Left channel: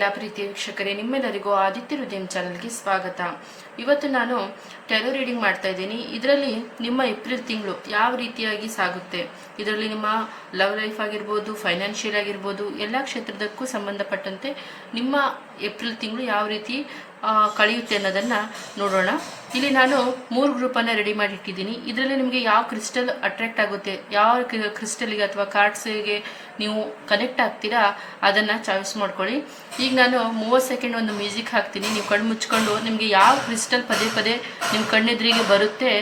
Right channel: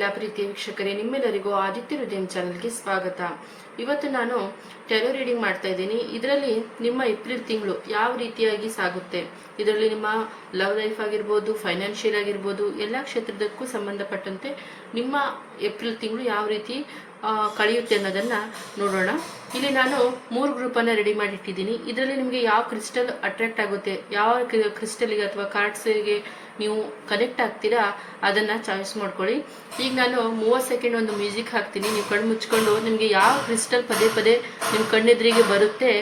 ಎಲ್ಲ ಪ್ರೀತಿಯ ವೀಕ್ಷಕರೇ, ನಿಮ್ಮೆಲ್ಲರಿಗೂ ಆದಿತ್ಯ ಹೃದಯಂ ಚಾನಲ್ಗೆ ಸ್ವಾಗತ. ಇವತ್ತು ನಾನು ಟ್ಯಾರೋ ರೀಡಿಂಗ್ ಮಾಡ್ತಾ ಇದ್ದೀನಿ. ಇದರಲ್ಲಿ ನಿಮ್ಮ ಏಪ್ರಿಲ್ ತಿಂಗಳು ಯಾವ ರೀತಿಯಾಗಿ ಸಾಗುತ್ತೆ, ಇದರಲ್ಲಿ ನಿಮ್ಮ ಲವ್ ಲೈಫ್ ಆಗಿರ್ಬೋದು, ಫೈನಾನ್ಷಿಯಲ್ ಆಗಿರ್ಬೋದು, ಎಲ್ಲ ಕ್ಷೇತ್ರದಕ್ಕೂ ಸಂಬಂಧಪಟ್ಟಂತೆ ನಿಮ್ಮ ಏಪ್ರಿಲ್ ತಿಂಗಳು ಯಾವ ರೀತಿ ಕಳೆಯುತ್ತೆ ಅನ್ನೋದನ್ನು ನೋಡೋಣ. ಇಲ್ಲಿ ನಾನು 3 ಗ್ರೂಪನ್ನು ರೆಡಿ ಮಾಡಿಟ್ಟಿದ್ದೀನಿ. ಇದರಲ್ಲಿ ನಿಮಗೆ ಯಾವ ಕ್ರಿಸ್ಟಲ್ ಅಟ್ರಾಕ್ಟ್ ಆಗುತ್ತೆ, ಯಾವ ಕ್ರಿಸ್ಟಲ್ಗೆ ಅಥವಾ ಕಾರ್ಡ್ಸ್ಗೆ ನೀವು ಕನೆಕ್ಟ್ ಆಗ್ತೀರಾ ಅದನ್ನು ಚಾಯ್ಸ್ ಮಾಡ್ಕೊಳ್ಳಿ. ಈಗ ನಾನು 30 ಸೆಕೆಂಡ್ ಒಂದು ಮ್ಯೂಸಿಕ್ ಹಾಕ್ತೀನಿ. ನೀವು ಕಣ್ಣು ಮುಚ್ಕೊಂಡು ನಿಮಗೆ ಯಾವ ಕ್ರಿಸ್ಟಲ್ ಪದೇ ಪದೇ ನಿಮ್ಮ ಕಣ್ಣೆದುರಿಗೆ ಬರುತ್ತೆ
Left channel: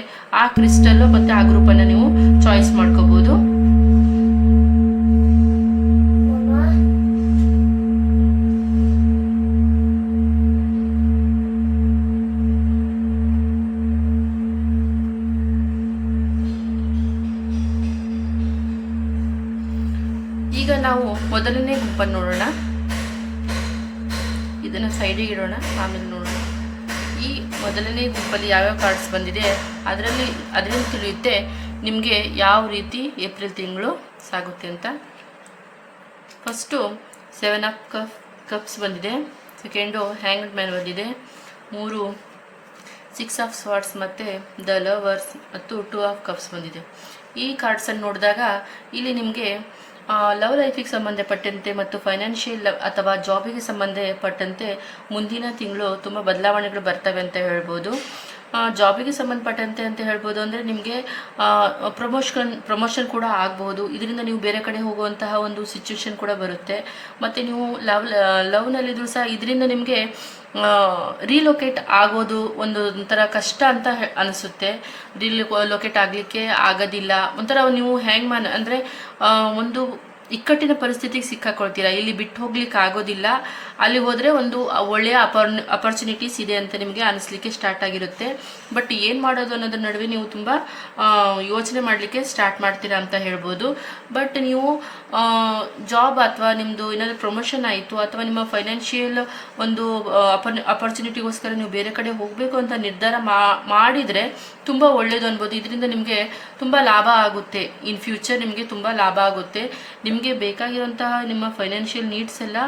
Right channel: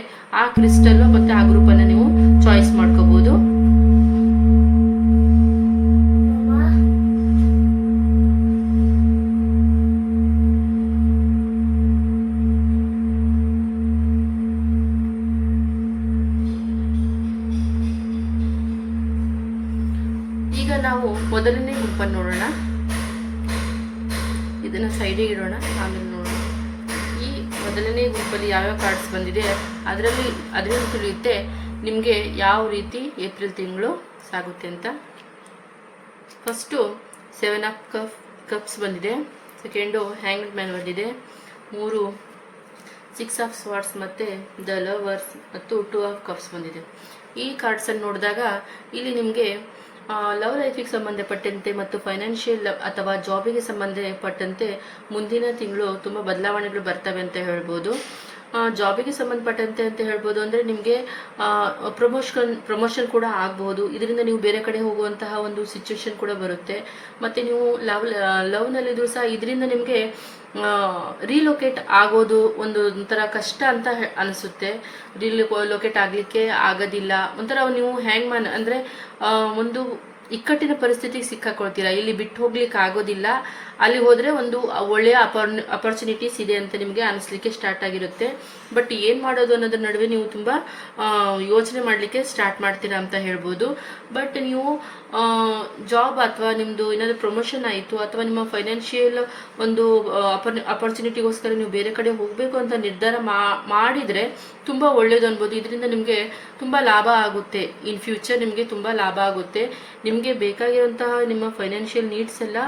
ಆ ಕ್ರಿಸ್ಟಲ್ ಮತ್ತು ಆ ಗ್ರೂಪನ್ನು ನೀವು ಚಾಯ್ಸ್ ಮಾಡ್ಕೋಬೋದು. ಈಗ ನಾವು ಮೊದಲನೇ ಗ್ರೂಪನ್ನು ನೋಡೋಣ. ಇದನ್ನು ಸೈಡಿಗೆ ಇಡೋಣ, ಆಮೇಲೆ ನೋಡೋಣ. ಈ ಮೊದಲನೇ ಗ್ರೂಪಲ್ಲಿ ಯಾವ್ಯಾವ ಕಾರ್ಡ್ಸ್ ಬಂದಿದೆ ಅದರಲ್ಲಿ ತಿಳಿಯುತ್ತೆ ನಿಮಗೆ ಯಾವ ರೀತಿ ಏಪ್ರಿಲ್ ತಿಂಗಳು ಸಾಗುತ್ತೆ ಅಂತ. ಫಸ್ಟು 7 ಆಫ್ ಕಪ್ಸ್ ಬಂದಿದೆ, ಸೆಕೆಂಡು ಹ್ಯಾಂಗ್ಡ್ ಮ್ಯಾನ್ ಬಂದಿದೆ, 3 6 ಆಫ್ ಸ್ವಾರ್ಡ್ಸ್ ಮತ್ತು ದ ಲವರ್ಸ್ ಮತ್ತು 2 ಆಫ್ ಕಪ್ಸ್ ಬಂದಿದೆ. ಈ ಕಾರ್ಡ್ಸನ್ನು ನೋಡಿದಾಗ ಇಲ್ಲಿ ನಿಮಗೆ ಲವ್ ಲೈಫಿಗೆ ಸಂಬಂಧಪಟ್ಟಂತೆ ಮತ್ತು ಫೈನಾನ್ಷಿಯಲ್ ಅಥವಾ ಜಾಬಿಗೆ ಸಂಬಂಧಪಟ್ಟಂತೆ ಮುಂದಿನ ತಿಂಗಳು ತುಂಬ ಬದಲಾವಣೆಗಳು ಬರ್ತವೆ ಅಂತ ಹೇಳ್ಬೋದು. ಜಾಬಿಗೆ ಸಂಬಂಧಪಟ್ಟಂತೆ ಅಂತ ಹೇಳ್ಬೋದು ಅಂದರೆ ನಿಮಗೆ ಪ್ರಮೋಷನ್ ಕೂಡ ಆಗ್ಬೋದು. ಇದರಿಂದ ನೀವು ಬೇರೆ ಕಡೆ ಹೋಗುವಂತಹ ಒಂದು ಸಿಚುವೇಶನ್ ಕೂಡ ಬರುತ್ತೆ. ಮತ್ತು ನೀವು ಲವ್ನಲ್ಲಿದ್ದರೂ ಸಹ ಇದರಿಂದ ನಿಮಗೆ ರೀಲೊಕೇಟ್ ಆಗೋದು ಒಂಥರ ಕಷ್ಟ ಅಂತ ಅನಿಸುತ್ತೆ. ರೀಲೊಕೇಟ್ ಆಗಲಿಕ್ಕೆ ಆಗೋದಿಲ್ಲ, ಒಂಥರ ನೀವು ಹ್ಯಾಂಗ್ ಮ್ಯಾನ್ ಅಂದರೆ ಒಂದು ಇಕ್ಕಟ್ಟಿನ ಪರಿಸ್ಥಿತಿಗೆ ಸಿಕ್ಕಾಕೊಳ್ತೀರಾ. ಇಲ್ಲಿ ಬಿಟ್ಟು ಹೋಗ್ಲಿಕ್ಕೆ ಆಗೋದಿಲ್ಲ, ಅಲ್ಲಿ ಹೋದರೆ ಒಂದು ಒಳ್ಳೆಯ ಅಪರ್ಚುನಿಟೀಸ್ ಇದೆ ಅಂತ ನಿಮಗೆ ಅನಿಸ್ಲಿಕ್ಕೆ ಸ್ಟಾರ್ಟ್ ಆಗಿರುತ್ತೆ. ಬಟ್ ಏನು ಮಾಡೋದು ಅನ್ನೋದ್ರ ನಡುವೆ ನೀವು ತುಂಬ ಯೋಚನೆ ಮಾಡಲಿಕ್ಕೆ ಸ್ಟಾರ್ಟ್ ಮಾಡ್ತೀರಾ ಅಂತ ಹೇಳ್ಬೋದು. ಬಟ್ ನೀವು ಜಾಬ್ ಅಥವಾ ನಿಮ್ಮದು ಏನಾದರೂ ಪ್ರಮೋಷನ್ ಆಯಿತು ಅಥವಾ ನಿಮ್ಮ ಫೈನಾನ್ಷಿಯಲ್ ಒಂದು ಅಪರ್ಚುನಿಟಿಗೋಸ್ಕರ ನೀವು ಬೇರೆ ಕಡೆ ಹೋಗಬೇಕು ಅಂತ ನಿರ್ಧಾರ ಮಾಡಿದರೆ ತುಂಬ ಒಳ್ಳೆಯದು ಅನ್ಬೋದು. ಇದರಿಂದ ನಿಮಗೆ ತುಂಬ ಲಾಭ ಆಗುತ್ತೆ. ಇನ್ ಫ್ಯೂಚರ್ ನಿಮಗೆ ತುಂಬ ಲಾಭ ಆಗುತ್ತೆ. ನಿಮಗೆ ಬೇಕಾಗಿರುವಂತಹ ನಿಮ್ಮ ಫೈನಾನ್ಷಿಯಲ್ ನೀಡ್ಸ್ ಎಲ್ಲ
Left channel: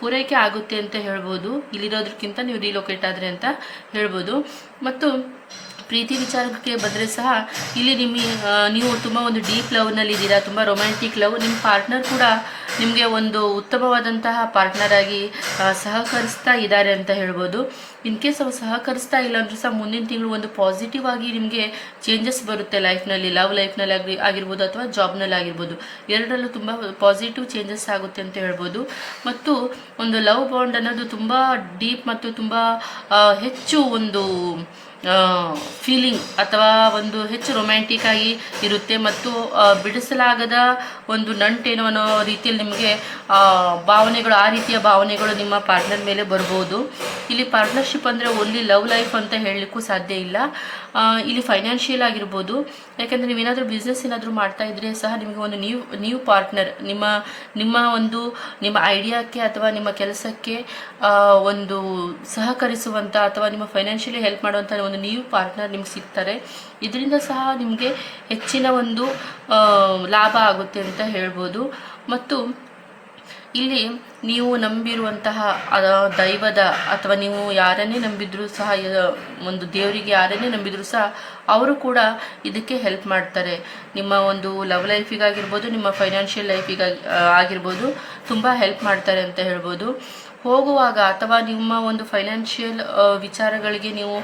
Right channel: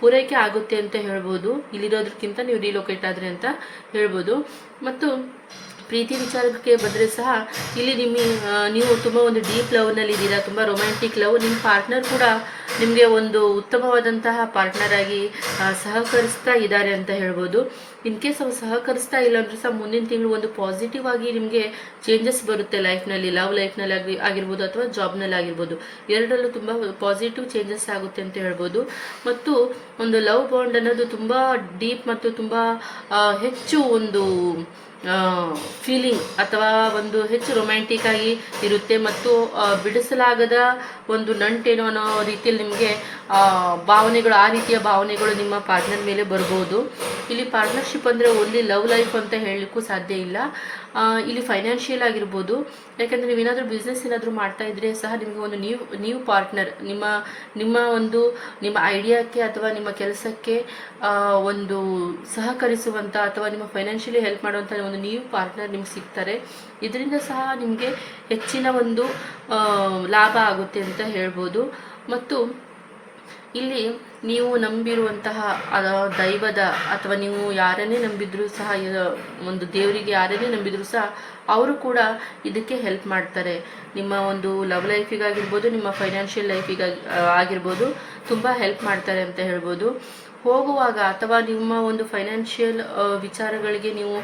ಪೂರೈಕೆ ಆಗುತ್ತೆ ಅಂತ ಹೇಳ್ಬೋದು, ಇಲ್ಲಿರೋದಕ್ಕಿಂತ ನೀವು ರಿಲೊಕೇಟ್ ಆದರೆ ಅಂತ ಹೇಳ್ಬೋದು. ಮತ್ತು ಪ್ರೀತಿ ವಿಚಾರಕ್ಕೆ ಬಂದರೆ ಸಹ ಇಲ್ಲಿ ನೀವು ತುಂಬ ಒಂದು ಡೀಪ್ ಲವ್ನಲ್ಲಿದ್ದೀರಾ, ತುಂಬ ರೊಮ್ಯಾಂಟಿಕ್ ಲವ್. ನಿಮ್ಮ ಪಾರ್ಟ್ನರ್ ಕೂಡ ನಿಮಗೆ ಒಂದು ಉತ್ತಮವಾದಂತಹ ಪಾರ್ಟ್ನರ್ ಆಗಿ ಸಹಕರಿಸ್ತಾ ಇದ್ದಾರೆ ಅಂತ ಹೇಳ್ಬೋದು. ಇನ್ ಕೇಸ್ ಅವ್ರು ಸಹಕರಿಸ್ತಾ ಇಲ್ಲ ಅಂದರೂ ಸಹ ಮುಂದಿನ ತಿಂಗಳು ಒಂದು ಪಾಸಿಟಿವ್ ಆಗಿ ನಿಮಗೆ ಚೇಂಜಸ್ ಬರುತ್ತೆ ಲೈಫ್ನಲ್ಲಿ, ಲವ್ ಲೈಫ್ನಲ್ಲಿ ಆಗಿರ್ಬೋದು ಅಥವಾ ಜಾಬ್ನಲ್ಲಿ ಆಗಿರ್ಬೋದು. ಎರಡರಲ್ಲೂ ತುಂಬ ಪಾಸಿಟಿವ್ ಚೇಂಜಸ್ ಆಗುತ್ತೆ ಅಂತ ಹೇಳ್ಬೋದು. ಮತ್ತು ಒಂದು ಲವ್ ಬಾಂಡ್ ಅನ್ನೋದು ತುಂಬ ಡೀಪ್ ಮತ್ತು ತುಂಬ ಹೆಚ್ಚು ಒಂದು ಫೀಲಿಂಗ್ ಅಥವಾ ಒಂದು ಹೆಚ್ಚು ರೊಮ್ಯಾಂಟಿಕ್ ಆಗಿ ಇರುತ್ತೆ. ಮತ್ತು ಬಿಡಿಸಲಾಗದ ಒಂದು ನಂಟೇನೋ ಅನ್ನೋ ರೀತಿಯಲ್ಲಿ ನಿಮಗೆ ಭಾವನೆಗಳು, ಆ ರೀತಿಯ ಭಾವನೆಗಳು ನಿಮ್ಮ ಪಾರ್ಟ್ನರ್ ಮೇಲೆ ಬರ್ಬೋದು. ಇಲ್ಲಿ ಪಾರ್ಟ್ನರ್ಶಿಪ್ ಅಂದರೆ ಓನ್ಲಿ ಲವ್ ಲೈಫ್ ಅಂತ ಹೇಳಲಿಕ್ಕೂ ಸಾಧ್ಯ ಇಲ್ಲ. ಇಲ್ಲಿ ಫೈನಾನ್ಷಿಯಲ್ ಆಗಿರ್ಬೋದು, ಯಾಕೆಂದರೆ ನೀವೇನಾದರೂ ಬಿಸ್ನೆಸ್ ಏನಾದರೂ ಮಾಡ್ತಾ ಇದ್ರೆ ಸಹ ನಿಮಗೆ ಒಂದು ನ್ಯೂ ಪಾರ್ಟ್ನರ್ ನಿಮ್ಮ ಐಡಿಯಾಕ್ಕೆ ಅಥವಾ ನಿಮ್ಮ ಕೆಲಸಕ್ಕೆ ಒಂದು ಸಹಕರಿಸುವಂಥ ಅಥವಾ ನಿಮ್ಮ ಫೈನಾನ್ಷಿಯಲಿ ಹೆಲ್ಪ್ ಮಾಡುವಂಥ ಒಂದು ನ್ಯೂ ಪಾರ್ಟ್ನರ್ ನಿಮ್ಗೆ ಸಿಗ್ತಾರೆ. ಇದರಿಂದ ಸಹ ನಿಮಗೆ ಹೆಚ್ಚಿನ ಒಂದು ಲಾಭ ಆಗುತ್ತೆ ಅಂತ ಹೇಳ್ಬೋದು. ಮತ್ತು ಇಲ್ಲಿ ನೀವು ನಂಬಿರುವಂತಹ ದೈವದ ಅಥವಾ ನೀವು ಯಾರನ್ನೇ ನಂಬಿದ್ರೂ ಸಹ, ಒಂದು ದೇವರಿಗೆ ಯಾರನ್ನೇ ನಂಬಿದ್ರೂ ಸಹ ಅವರು ಕೂಡ ಇದಕ್ಕೆ ಹೆಲ್ಪ್ ಮಾಡ್ತಾರೆ. ನಿಮ್ಮ ಒಂದು ಲವ್ ಲೈಫಿಗಾಗಿರ್ಬೋದು, ನಿಮ್ಮ ಫೈನಾನ್ಷಿಯಲ್ ಆಗಿರ್ಬೋದು ತುಂಬ ಹೆಲ್ಪ್ ಮಾಡ್ತಾರೆ ಅಂತ ಹೇಳ್ಬೋದು. ಹೋಗುವಾಗ ಅಥವಾ ನಿಮ್ಮ ಒಂದು ಫೈನಾನ್ಷಿಯಲ್ ವಿಚಾರಗಳಿಗೆ ನೀವು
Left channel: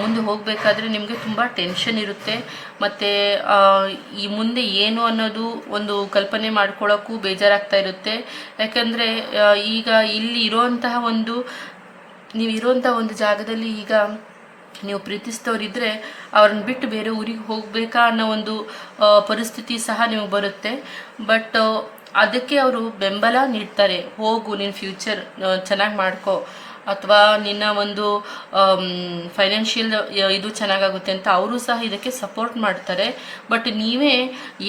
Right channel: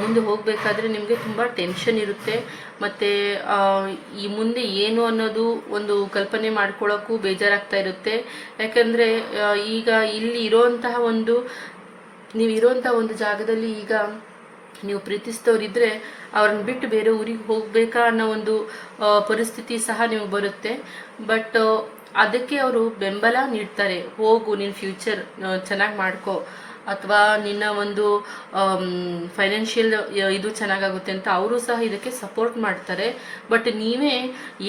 ಮುಂದೆ ಹೋಗಬೇಕಾದ್ರೆ ನಿಮಗೆ ತುಂಬ ಟೆನ್ಷನ್ ಇರುತ್ತೆ. ಮತ್ತು ಈ ಮುಂದೆ ಏನು ಅನ್ನೋದು ಒಂದು ಕಲ್ಪನೆ ಮಾಡ್ಕೊಳ್ಳೋಕ್ಕೂ ಬೇಜಾರಾಗ್ತಾ ಇರುತ್ತೆ. ಯಾಕಂದರೆ ಈಗ ಇಲ್ಲಿ ನೀವಿರೋಂತಹ ಒಂದು ಜಾಗದಲ್ಲಿ ಈಗ ನೀವು ಪ್ರೀತಿಸಿದವರಿದ್ದರೆ ಅವ್ರನ್ನ ಬಿಟ್ಟು ಬೇರೆ ಊರಿಗೆ ಹೋಗಬೇಕಾ ಅನ್ನೋ ಒಂದು ಪರಿಸ್ಥಿತಿ ಸಹ ನಿಮಗೆ ಬರುತ್ತೆ. ಬಟ್ ಅದಕ್ಕೆ ಅವರು ಬೆಂಬಲ ನೀಡ್ತಾರೆ. ಹೋಗು, ನಿನ್ನ ಫ್ಯೂಚರ್ ಚೆನ್ನಾಗಿ ಮಾಡ್ಕೋ, ಅಥವಾ ನಿನ್ನ ಒಂದು ಫೈನಾನ್ಷಿಯಲ್ ಇದು ಚೆನ್ನಾಗಾಗುತ್ತೆ ಅಂತ ಅವರು ಸಹ ಇದಕ್ಕೆ ಸಪೋರ್ಟ್ ಮಾಡ್ತಾರೆ. ಬಟ್ ನೀವೇ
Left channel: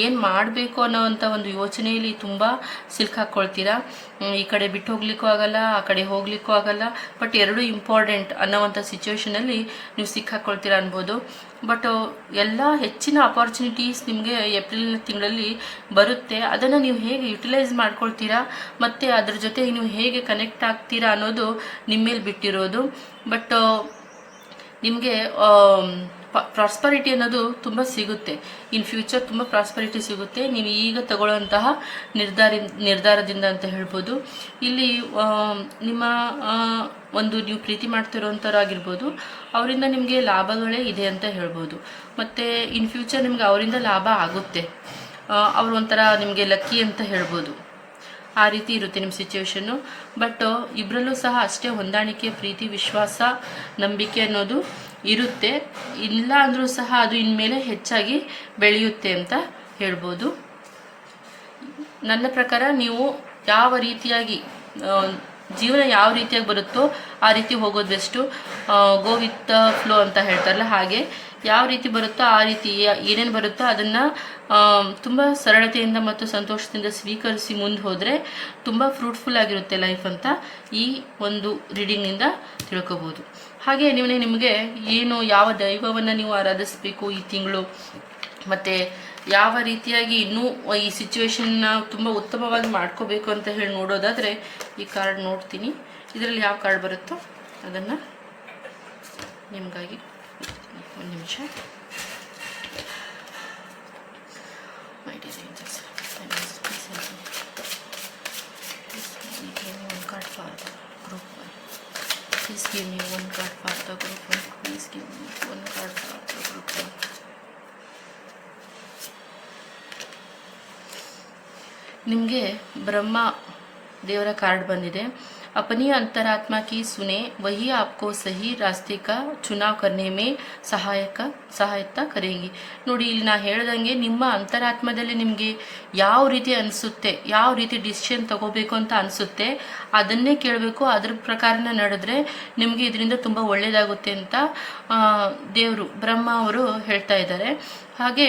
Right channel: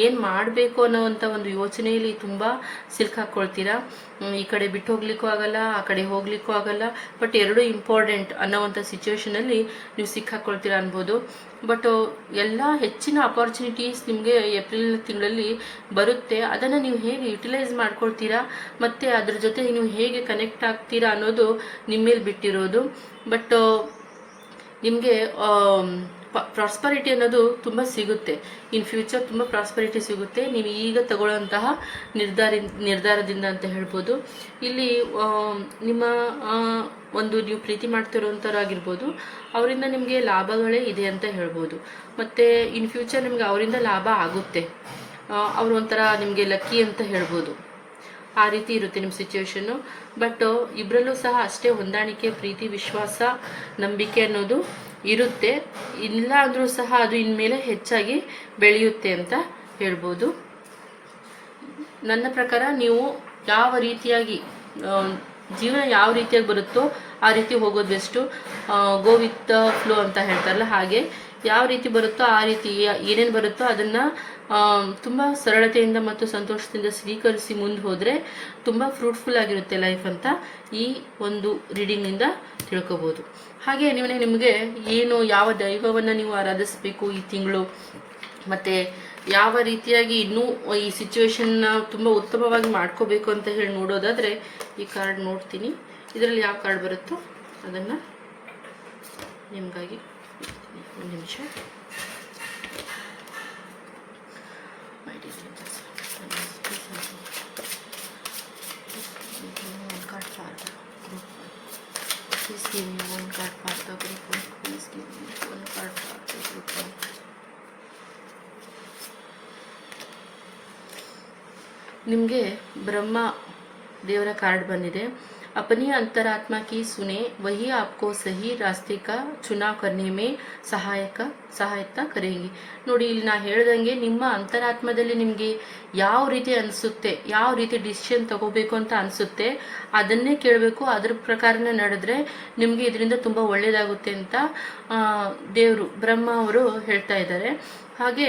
ಏನು ಮಾಡಬೇಕು ಅನ್ನೋವಂಥ ಒಂದು ಯೋಚನೆಯಲ್ಲಿ ತುಂಬ ಸಿಲುಕಾಕ್ಕೊಳ್ತೀರಾ. ಈ ಕಡೆ ಬಿಟ್ಟು ಹೋಗ್ಲಿಕ್ಕೂ ಆಗಲ್ಲ, ಆ ಕಡೆ ಹೋಗ್ಲಿಕ್ಕೂ ಆಗಲ್ಲ. ಬಟ್ ಎರಡೂ ಇಂಪಾರ್ಟೆಂಟ್ ಅನ್ನೋವಂಥ ಸಿಚುವೇಶನಲ್ಲಿ ನೀವು ಸಿಕ್ಕಾಕೊಳ್ತೀರ ಅನ್ಬೋದು. ಬಟ್ ಎಲ್ಲ ಹೆಚ್ಚಿನ ಅಪಾರ್ಚುನಿಟೀಸ್ ನಿಮಗೆ ಏಪ್ರಿಲ್ ತಿಂಗಳಲ್ಲಿ ಬರುತ್ತೆ. ಅದನ್ನು ನೀವು ಹೇಗೆ ಯುಟಿಲೈಸ್ ಮಾಡ್ಕೊಳ್ತೀರಾ ಮತ್ತು ಅದ್ರ ಜೊತೆ ನೀವು ಹೇಗೆ ಕನೆಕ್ಟ್ ಆಗ್ತೀರಾ ಅನ್ನೋದು ನಿಮ್ಮ ಮೇಲೆ ಬಿಟ್ಟಿರೋದು. ಬಟ್ ನಿಮಗೆ ಪ್ರಾಸ್ಪರಿಟಿ ಅನ್ನೋದು ತುಂಬ ಸಿಗುತ್ತೆ. ಇನ್ ಫ್ಯೂಚರ್ ತುಂಬ ಪ್ರಾಸ್ಪರಿಟಿ ಸಿಗುತ್ತೆ ನೀವು ಈಗ ತಗೊಳ್ಳೋಂತಹ ನಿರ್ಧಾರದಿಂದ ಅಂತ ಹೇಳ್ಬೋದು. ಇಲ್ಲಿ ನಿಮ್ಮ ಒಂದು ನೀವು ಪ್ರೀತಿ ಮಾಡ್ತಿರೋಂಥವ್ರಾಗಿರ್ಬೋದು, ಅವರಿಂದ ನಿಮಗೆ ಲಾಭಗಳೇ ಇದೆ ಅಂತ ಹೇಳ್ಬೋದು. ಮತ್ತು ಇನ್ ಫ್ಯೂಚರ್ ನಿಮಗೆ ಅವರಿಂದ ಲಾಭ ಆಗುತ್ತೆ. ಅವರು ಒಂಥರ ನಿಮಗೆ ಲಕ್ಕಿ ಅಂತ ಹೇಳ್ಬೋದು. ಆ ರೀತಿ ಇರುತ್ತೆ ನಿಮ್ಮ ಸಿಚುವೇಶನ್ನು. ಬಟ್ ಇಬ್ಬರಲ್ಲೂ ಸಹ ಅಷ್ಟೇ ಹೊಂದಾಣಿಕೆ, ಪ್ರೀತಿ, ವಿಶ್ವಾಸ, ನಂಬಿಕೆ ಅನ್ನೋದು ಇರುತ್ತೆ. ಇಲ್ಲ ಅಂದರೂ ಸಹ ಅದು ಇನ್ಮೇಲೆ ಹೆಚ್ಚಾಗಿ ಬೆಳೆಯುತ್ತೆ ಅಂತ ಹೇಳ್ಬೋದು. ನನ್ನ ಪ್ರಕಾರ ನೀವು ಯಾವ ರೀತಿಯಾಗಿ ಜೀವನ ಯಾವ ರೀತಿಯಾಗಿ ಬರುತ್ತೋ ಆ ರೀತಿ ಹೋಗೋದು best. Go with the flow ಅಂತ ಹೇಳ್ತಾರಲ್ಲ, ಹಾಗೆ ಯಾವ ರೀತಿ ಬರುತ್ತೋ ಆ ರೀತಿ ಏನೇನು ಬರುತ್ತೋ ಅದನ್ನು ತುಂಬ ಸರಳತೆಯಿಂದ ಮತ್ತು ಸಂತೋಷದಿಂದ ಸ್ವೀಕರಿಸಿ ಮುಂದೆ ಹೋದರೆ ತುಂಬ ಫ್ರೂಟ್ಫುಲ್ ಆಗಿರುತ್ತೆ ಲೈಫ್ ಅಂತ ಈ ಒಂದು ರೀಡಿಂಗ್ನಿಂದ ತಿಳ್ಕೊಬೋದು. ಹಾಗೆ ನಿಮಗೆ ಏನು ಯಾವ ದೈವವನ್ನು ನೀವು ಆರಾಧಿಸಬೇಕು ಈ ತಿಂಗಳು, ಮತ್ತು ಯಾವ ರೀತಿಯಾಗಿ ಇನ್ನೂ ಈ ಸಿಚುವೇಶನ್ನ ತುಂಬ ಉತ್ತಮವಾಗಿ ಮಾಡ್ಕೋಬೇಕು ಅಂತ ಹೇಳಿ ನೋಡೋದಾದರೆ ಈ ಕಾರ್ಡ್ ನೋಡ್ತೀನಿ. ಇದರಲ್ಲಿ ಯಾವ ಕಾರ್ಡ್ ಬರುತ್ತೋ ಅದನ್ನು ನಿಮಗಾಗಿ ಒಂದು ನಿಮಿಷ. Please give me one card for the group one. Please give me one card for the group one. ನಿಮಗೆ ಬ್ರಹ್ಮ ದೇವರ ಕಾರ್ಡ್ ಬಂದಿದೆ. अपनी अंतरात्मा की सुने, वही आपको सही रास्ते का चुनाव करने में ಸಹಾಯತ ಕರೆಂಗಿ. ನೋಡಿ, ಇಲ್ಲಿ ನಾ ಹೇಳ್ದಂಗೆ ನಿಮ್ಮ ಅಂತರಾತ್ಮದಲ್ಲಿ ನಿಮಗೆ ಯಾವ ರೀತಿ ಅನಿಸುತ್ತೆ, ಯಾವ ರೀತಿ ಡಿಸಿಷನ್ ತಗೋಬೇಕು ಅಂತ ಅನಿಸುತ್ತೆ ಅದನ್ನೇ ಕೇಳಬೇಕು. ಅದ್ರ ಪ್ರಕಾರನೇ ನಡೆದ್ರೆ ನಿಮಗೆ ಇದರಿಂದ ತುಂಬ ಒಳ್ಳೆಯದಾಗುತ್ತೆ ಅಂತ ದೇವರು ಬ್ರಹ್ಮ ಅವರು ಹೇಳ್ತಾ ಇದ್ದಾರೆ. ಹಾಗೆ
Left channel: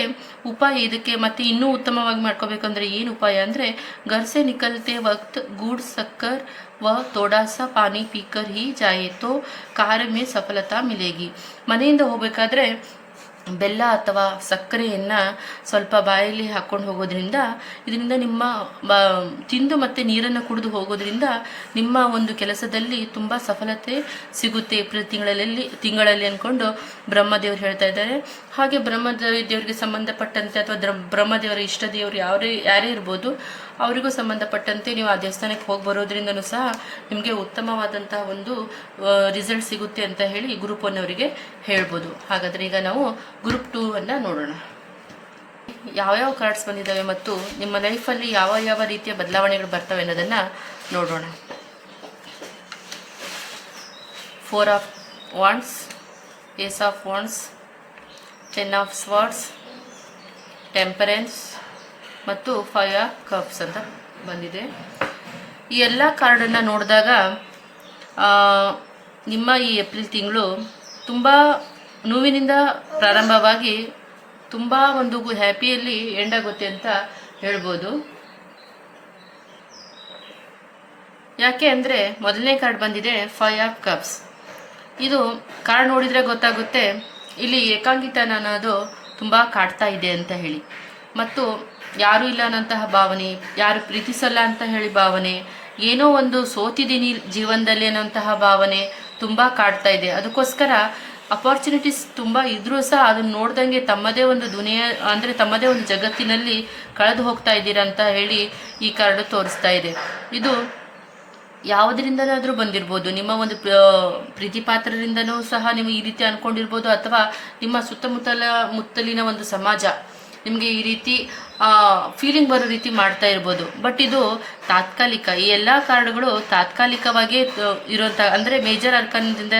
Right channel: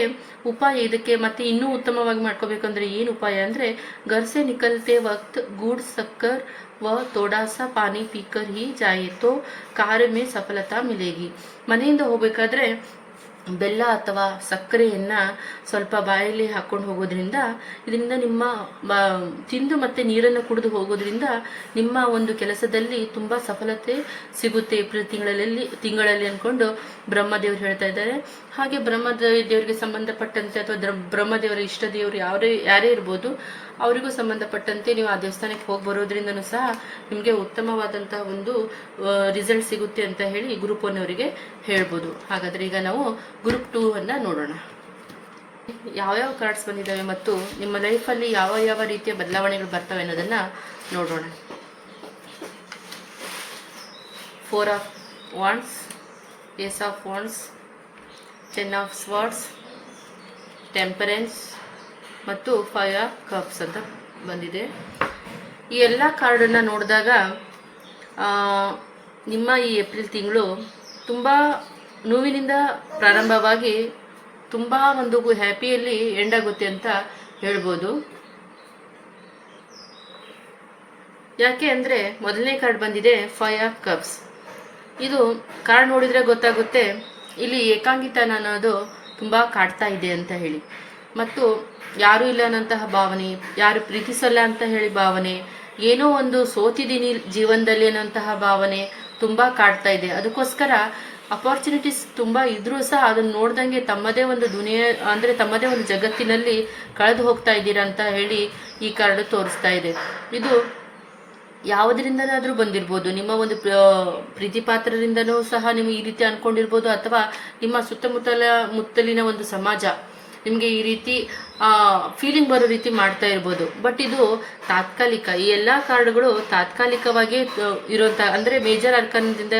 ಉಪಾಯ ಇದಕ್ಕೆ ಮತ್ತೆ ಇನ್ನೂ ಉತ್ತಮವಾಗಿ ಮಾಡ್ಕೋಬೇಕಂದ್ರೆ ಏನು ಉಪಾಯ ಅಂದರೆ, ಗರ್ಸೆ ನಿಕಲ್ತೆ ವಕ್ತ್ ಗೂಡ್ ಸಕ್ಕರ್ ವ ಥೋಡಾ ಸಾ ಪಾನಿ ಪೀಕರ್ ಹಿ ಜಾಯೆ ತೋ ಕಾರ್ಯ ಮೇ ಸಫಲತಾ ಮಿಲೇಗಿ. ಮನೆಯಿಂದ ಹೋಗಬೇಕಾದ್ರೆ ಬೆಲ್ಲ ಅಥವಾ ಸಕ್ಕರೆಯನ್ನು ಸ್ವಲ್ಪ ಬಾಯಲ್ಲಿ ಹಾಕ್ಕೊಂಡು ಹೋಗೋದ್ರಿಂದ, ಇದರಿಂದ ನಿಮ್ಮ ತಿಂದು ಮತ್ತು ನೀರನ್ನು ಕುಡಿದು ಹೋಗೋದ್ರಿಂದ ನಿಮ್ಮ ಒಂದು ಕೆಲಸದಲ್ಲಿ ತುಂಬ ಸಫಲತೆ ಸಿಗುತ್ತೆ ಏಪ್ರಿಲ್ ತಿಂಗಳಲ್ಲಿ ಅಂದ್ಕೊಂಡು ಬ್ರಹ್ಮದೇವರು ಹೇಳ್ತಾ ಇದ್ದಾರೆ. ಹಾಗೆ ಬ್ರಹ್ಮದೇವರಿಗೆ ಸಂಬಂಧಪಟ್ಟಂತೆ ಅಥವಾ ಬ್ರಹ್ಮದೇವರ ಇಷ್ಟ ದೇವರು ಯಾರೇ ಇರ್ಬೋದು, ಅವರಿಗೂ ಸಂಬಂಧಪಟ್ಟಂತೆ ನೀವು ಆ ದೇವಸ್ಥಾನಕ್ಕೆ ಹೋಗಿ ಬರೋದ್ರಿಂದನೂ ಸಹ ನಿಮಗೆ ಉತ್ತಮವಾದಂತಹ ಒಂದು ರಿಸಲ್ಟ್ ಸಿಗುತ್ತೆ ಅಂತ ಹೇಳಿ ಗ್ರೂಪ್ 1 ಅವರಿಗೆ ಹೇಳ್ಬೋದು. ಹಾಗಾದರೆ ಈಗ ನಾವು ಗ್ರೂಪ್ 2 ಅನ್ನು ನೋಡೋಣ. ಯಾವ ಕಾರ್ಡ್ಸ್ ಬಂದಿದ್ದಾವೆ ಮತ್ತು ನಿಮ್ಮ ಲೈಫಲ್ಲಿ ಯಾವ ರೀತಿಯ ಬದಲಾವಣೆಗಳು ಬರ್ತವೆ ಅನ್ನೋದನ್ನು ನೋಡೋಣ. 4 of wands, ace of wands, 10 of swords, temperance ಮತ್ತು 5 ಆಫ್ ಕಪ್ಸ್ ಅಂತ ಬಂದಿದೆ. ಈ ಎಲ್ಲ ಕಾರ್ಡನ್ನು ನೋಡಿದಾಗ ನಿಮ್ಮ ಈ ಏಪ್ರಿಲ್ ತಿಂಗಳು ತುಂಬ ನೋವಿನಿಂದ ಪ್ರಾರಂಭವಾಗಿ ತುಂಬ ಒಂದು ಹ್ಯಾಪಿಯಲ್ಲಿ ಎಂಡ್ ಆಗುತ್ತೆ ಅಂತ ಹೇಳ್ಬೋದು. ಯಾಕೆ ಅಂದರೆ ಮೊದಲನೇ ಕಾರ್ಡ್ ಬಂದಿದೆ 5 ಆಫ್ ಕಪ್ಸ್. ಇದು ಕಾರ್ಡ್ ನೋಡಿದರೆ ಗೊತ್ತಾಗುತ್ತೆ ಇಲ್ಲಿ ಏಕಾಂಗಿತನ ಅನ್ನೋದು ತುಂಬ ಕಾಡ್ತಾ ಇದೆ ಅಂತ ಹೇಳಿ, ಮತ್ತು ಯಾರೂ ಇಲ್ಲ ಅನ್ನೋಂತಹ ಭಾವನೆ, ಯಾರು ಪ್ರೀತಿಸಲ್ಲ ಅಂತ ಹೇಳಿ ಭಾವನೆ, ಏನೋ ಒಂದು ಸೋತಿದ್ದೀನಿ ಜೀವನದಲ್ಲಿ ಅನ್ನೋಂತಹ ಭಾವನೆ ತುಂಬ ಕಾಡ್ತಾ ಇದೆ. ಅದಕ್ಕೋಸ್ಕರ ಅಪಾರ್ಚುನಿಟೀಸ್ ತುಂಬ ಇದ್ರೂ ಸಹ ಅದನ್ನು ನೋಡ್ದಂಗೆ ತಮ್ಮದೇ ಒಂದು ದುನಿಯಾ ಅಂದರೆ ತಮ್ಮದೇ ಒಂದು ಜಗತ್ತಿನಲ್ಲಿ ಕಳೆದು ಹೋಗ್ತಾ ಇದ್ದೀರಾ ಅಂತ ಹೇಳಿ ಈ ಕಾರ್ಡು ತೋರಿಸ್ತಾ ಇದೆ. ಇದು ಯಾವುದರಿಂದನಾದರೂ ಬಂದಿರ್ಬೋದು, ನಿಮ್ಮ ಒಂದು ಪ್ರೀತಿ ಪಾತ್ರರಿಂದನೂ ಸಹ ನೀವು ಈ ರೀತಿ ಅಂದ್ಕೊಂಡಿರ್ಬೋದು, ಅಥವಾ ನಿಮ್ಮ ಮುತ್ತಲಿನ ಒಂದು ಸಮಾಜ ನಿಮಗೆ ಈ ರೀತಿ ಫೀಲಿಂಗ್ ಬರೋ ರೀತಿ ಮಾಡ್ತಾ ಇರ್ಬೋದು. ಬಟ್ ಇದು ತಾತ್ಕಾಲಿಕ. ಈ ಎಲ್ಲ ಕಾರ್ಡ್ಗಳು ತಾತ್ಕಾಲಿಕವಾಗಿ ಇರೋಂಥ, ಅಂದರೆ ಮೇಜರ್ ಅರ್ಕಾನದಿಂದ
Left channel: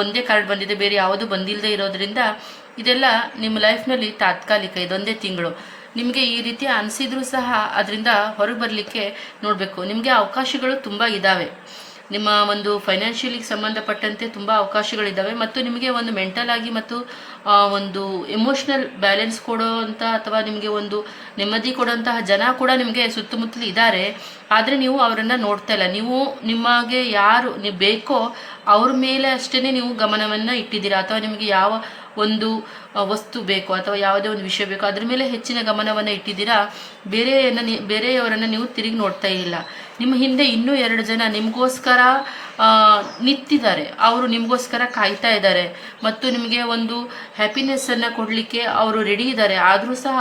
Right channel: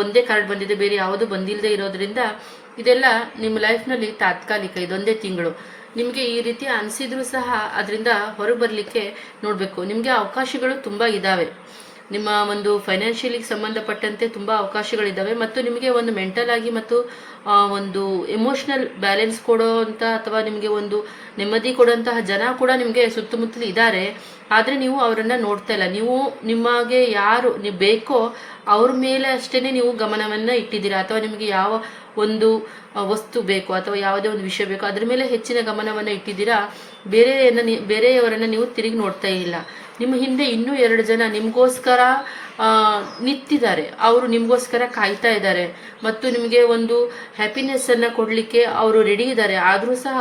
ಒಂದೇ ಕಾರ್ಡ್ ಬಂದಿದೆ, ಬೇರೆ ಯಾವುದು ಬಂದಿಲ್ಲದೆ ಇರೋದ್ರಿಂದ ಇದೆಲ್ಲ ನಿಮ್ಮ ಲೈಫ್ನಲ್ಲಿ ತಾತ್ಕಾಲಿಕ. ಇದೊಂದೇ ತಿಂಗಳು ನಿಮಗೆ ಈ ರೀತಿ ಅನಿಸಿದ್ರೂ ಸಹ ಅದರಿಂದ ಹೊರಗೆ ಬರಲಿಕ್ಕೆ ನೋಡಬೇಕು. ನಿಮಗೆ ಅವಕಾಶಗಳು ತುಂಬ ಇದ್ದಾವೆ. ನಿಮ್ಮ ಒಂದು ಫೈನಾನ್ಷಿಯಲಿಗೆ ಸಂಬಂಧಪಟ್ಟಂತೆ ತುಂಬ ಅವಕಾಶಗಳಿದ್ದಾವೆ. ಮತ್ತು ನಿಮಗೆ ಒಂದು ಮೆಂಟಲ್ ಆಗಿ ಮತ್ತು ಒಂದು ಎಮೋಷ್ನಲ್ ಬ್ಯಾಲೆನ್ಸ್ ಕೊಡೋವಂಥ ಅಥವಾ ನಿಮಗೆ ಒಂದು ನೆಮ್ಮದಿ ಕೊಡುವಂತಹ ಜನ ಕೂಡ ನಿಮಗೆ ಸುತ್ತಮುತ್ತಲು ಇದ್ದಾರೆ. ಆದರೆ ನೀವು ಅವರನ್ನು ನೋಡ್ತಾ ಇಲ್ಲ. ನೀವು ನಿಮಗೆ ಯಾರು ಬೇಕೋ ಅವ್ರ ಮೇಲೆ ಅಷ್ಟೇ ನೀವು ಗಮನವನ್ನು ಇಟ್ಟಿದ್ದೀರಾ, ಅಥವಾ ನಿಮಗೆ ಯಾವ ಒಂದು ವಸ್ತು ಬೇಕು ಅಥವಾ ಯಾವುದೇ ಒಂದು ವಿಷಯ ಬೇಕು ಅದ್ರ ಮೇಲೆ ಹೆಚ್ಚಿನ ಗಮನವನ್ನು ಇಟ್ಟಿದ್ದೀರಾ. ಬೇರೆಯವರನ್ನು ನೀವು ತಿರುಗಿ ನೋಡ್ತಾ ಇಲ್ಲ. ನಿಮ್ಮ ಹಿಂದೆ ಇನ್ನೂ 2 ಜನ ನಿಮಗೋಸ್ಕರ ನಿಂತಿದ್ದಾರೆ, ಅವರು ನಿಮಗೋಸ್ಕರ ಕಾಯ್ತಾ ಇದ್ದಾರೆ ಮತ್ತು ನಿಮಗೆ ಒಂದು ಹ್ಯಾಪಿನೆಸ್ಸನ್ನು ಕೊಡಲಿಕ್ಕೆ ಅವರು ರೆಡಿ ಇದ್ದಾರೆ. ಆದರೂ ಸಹ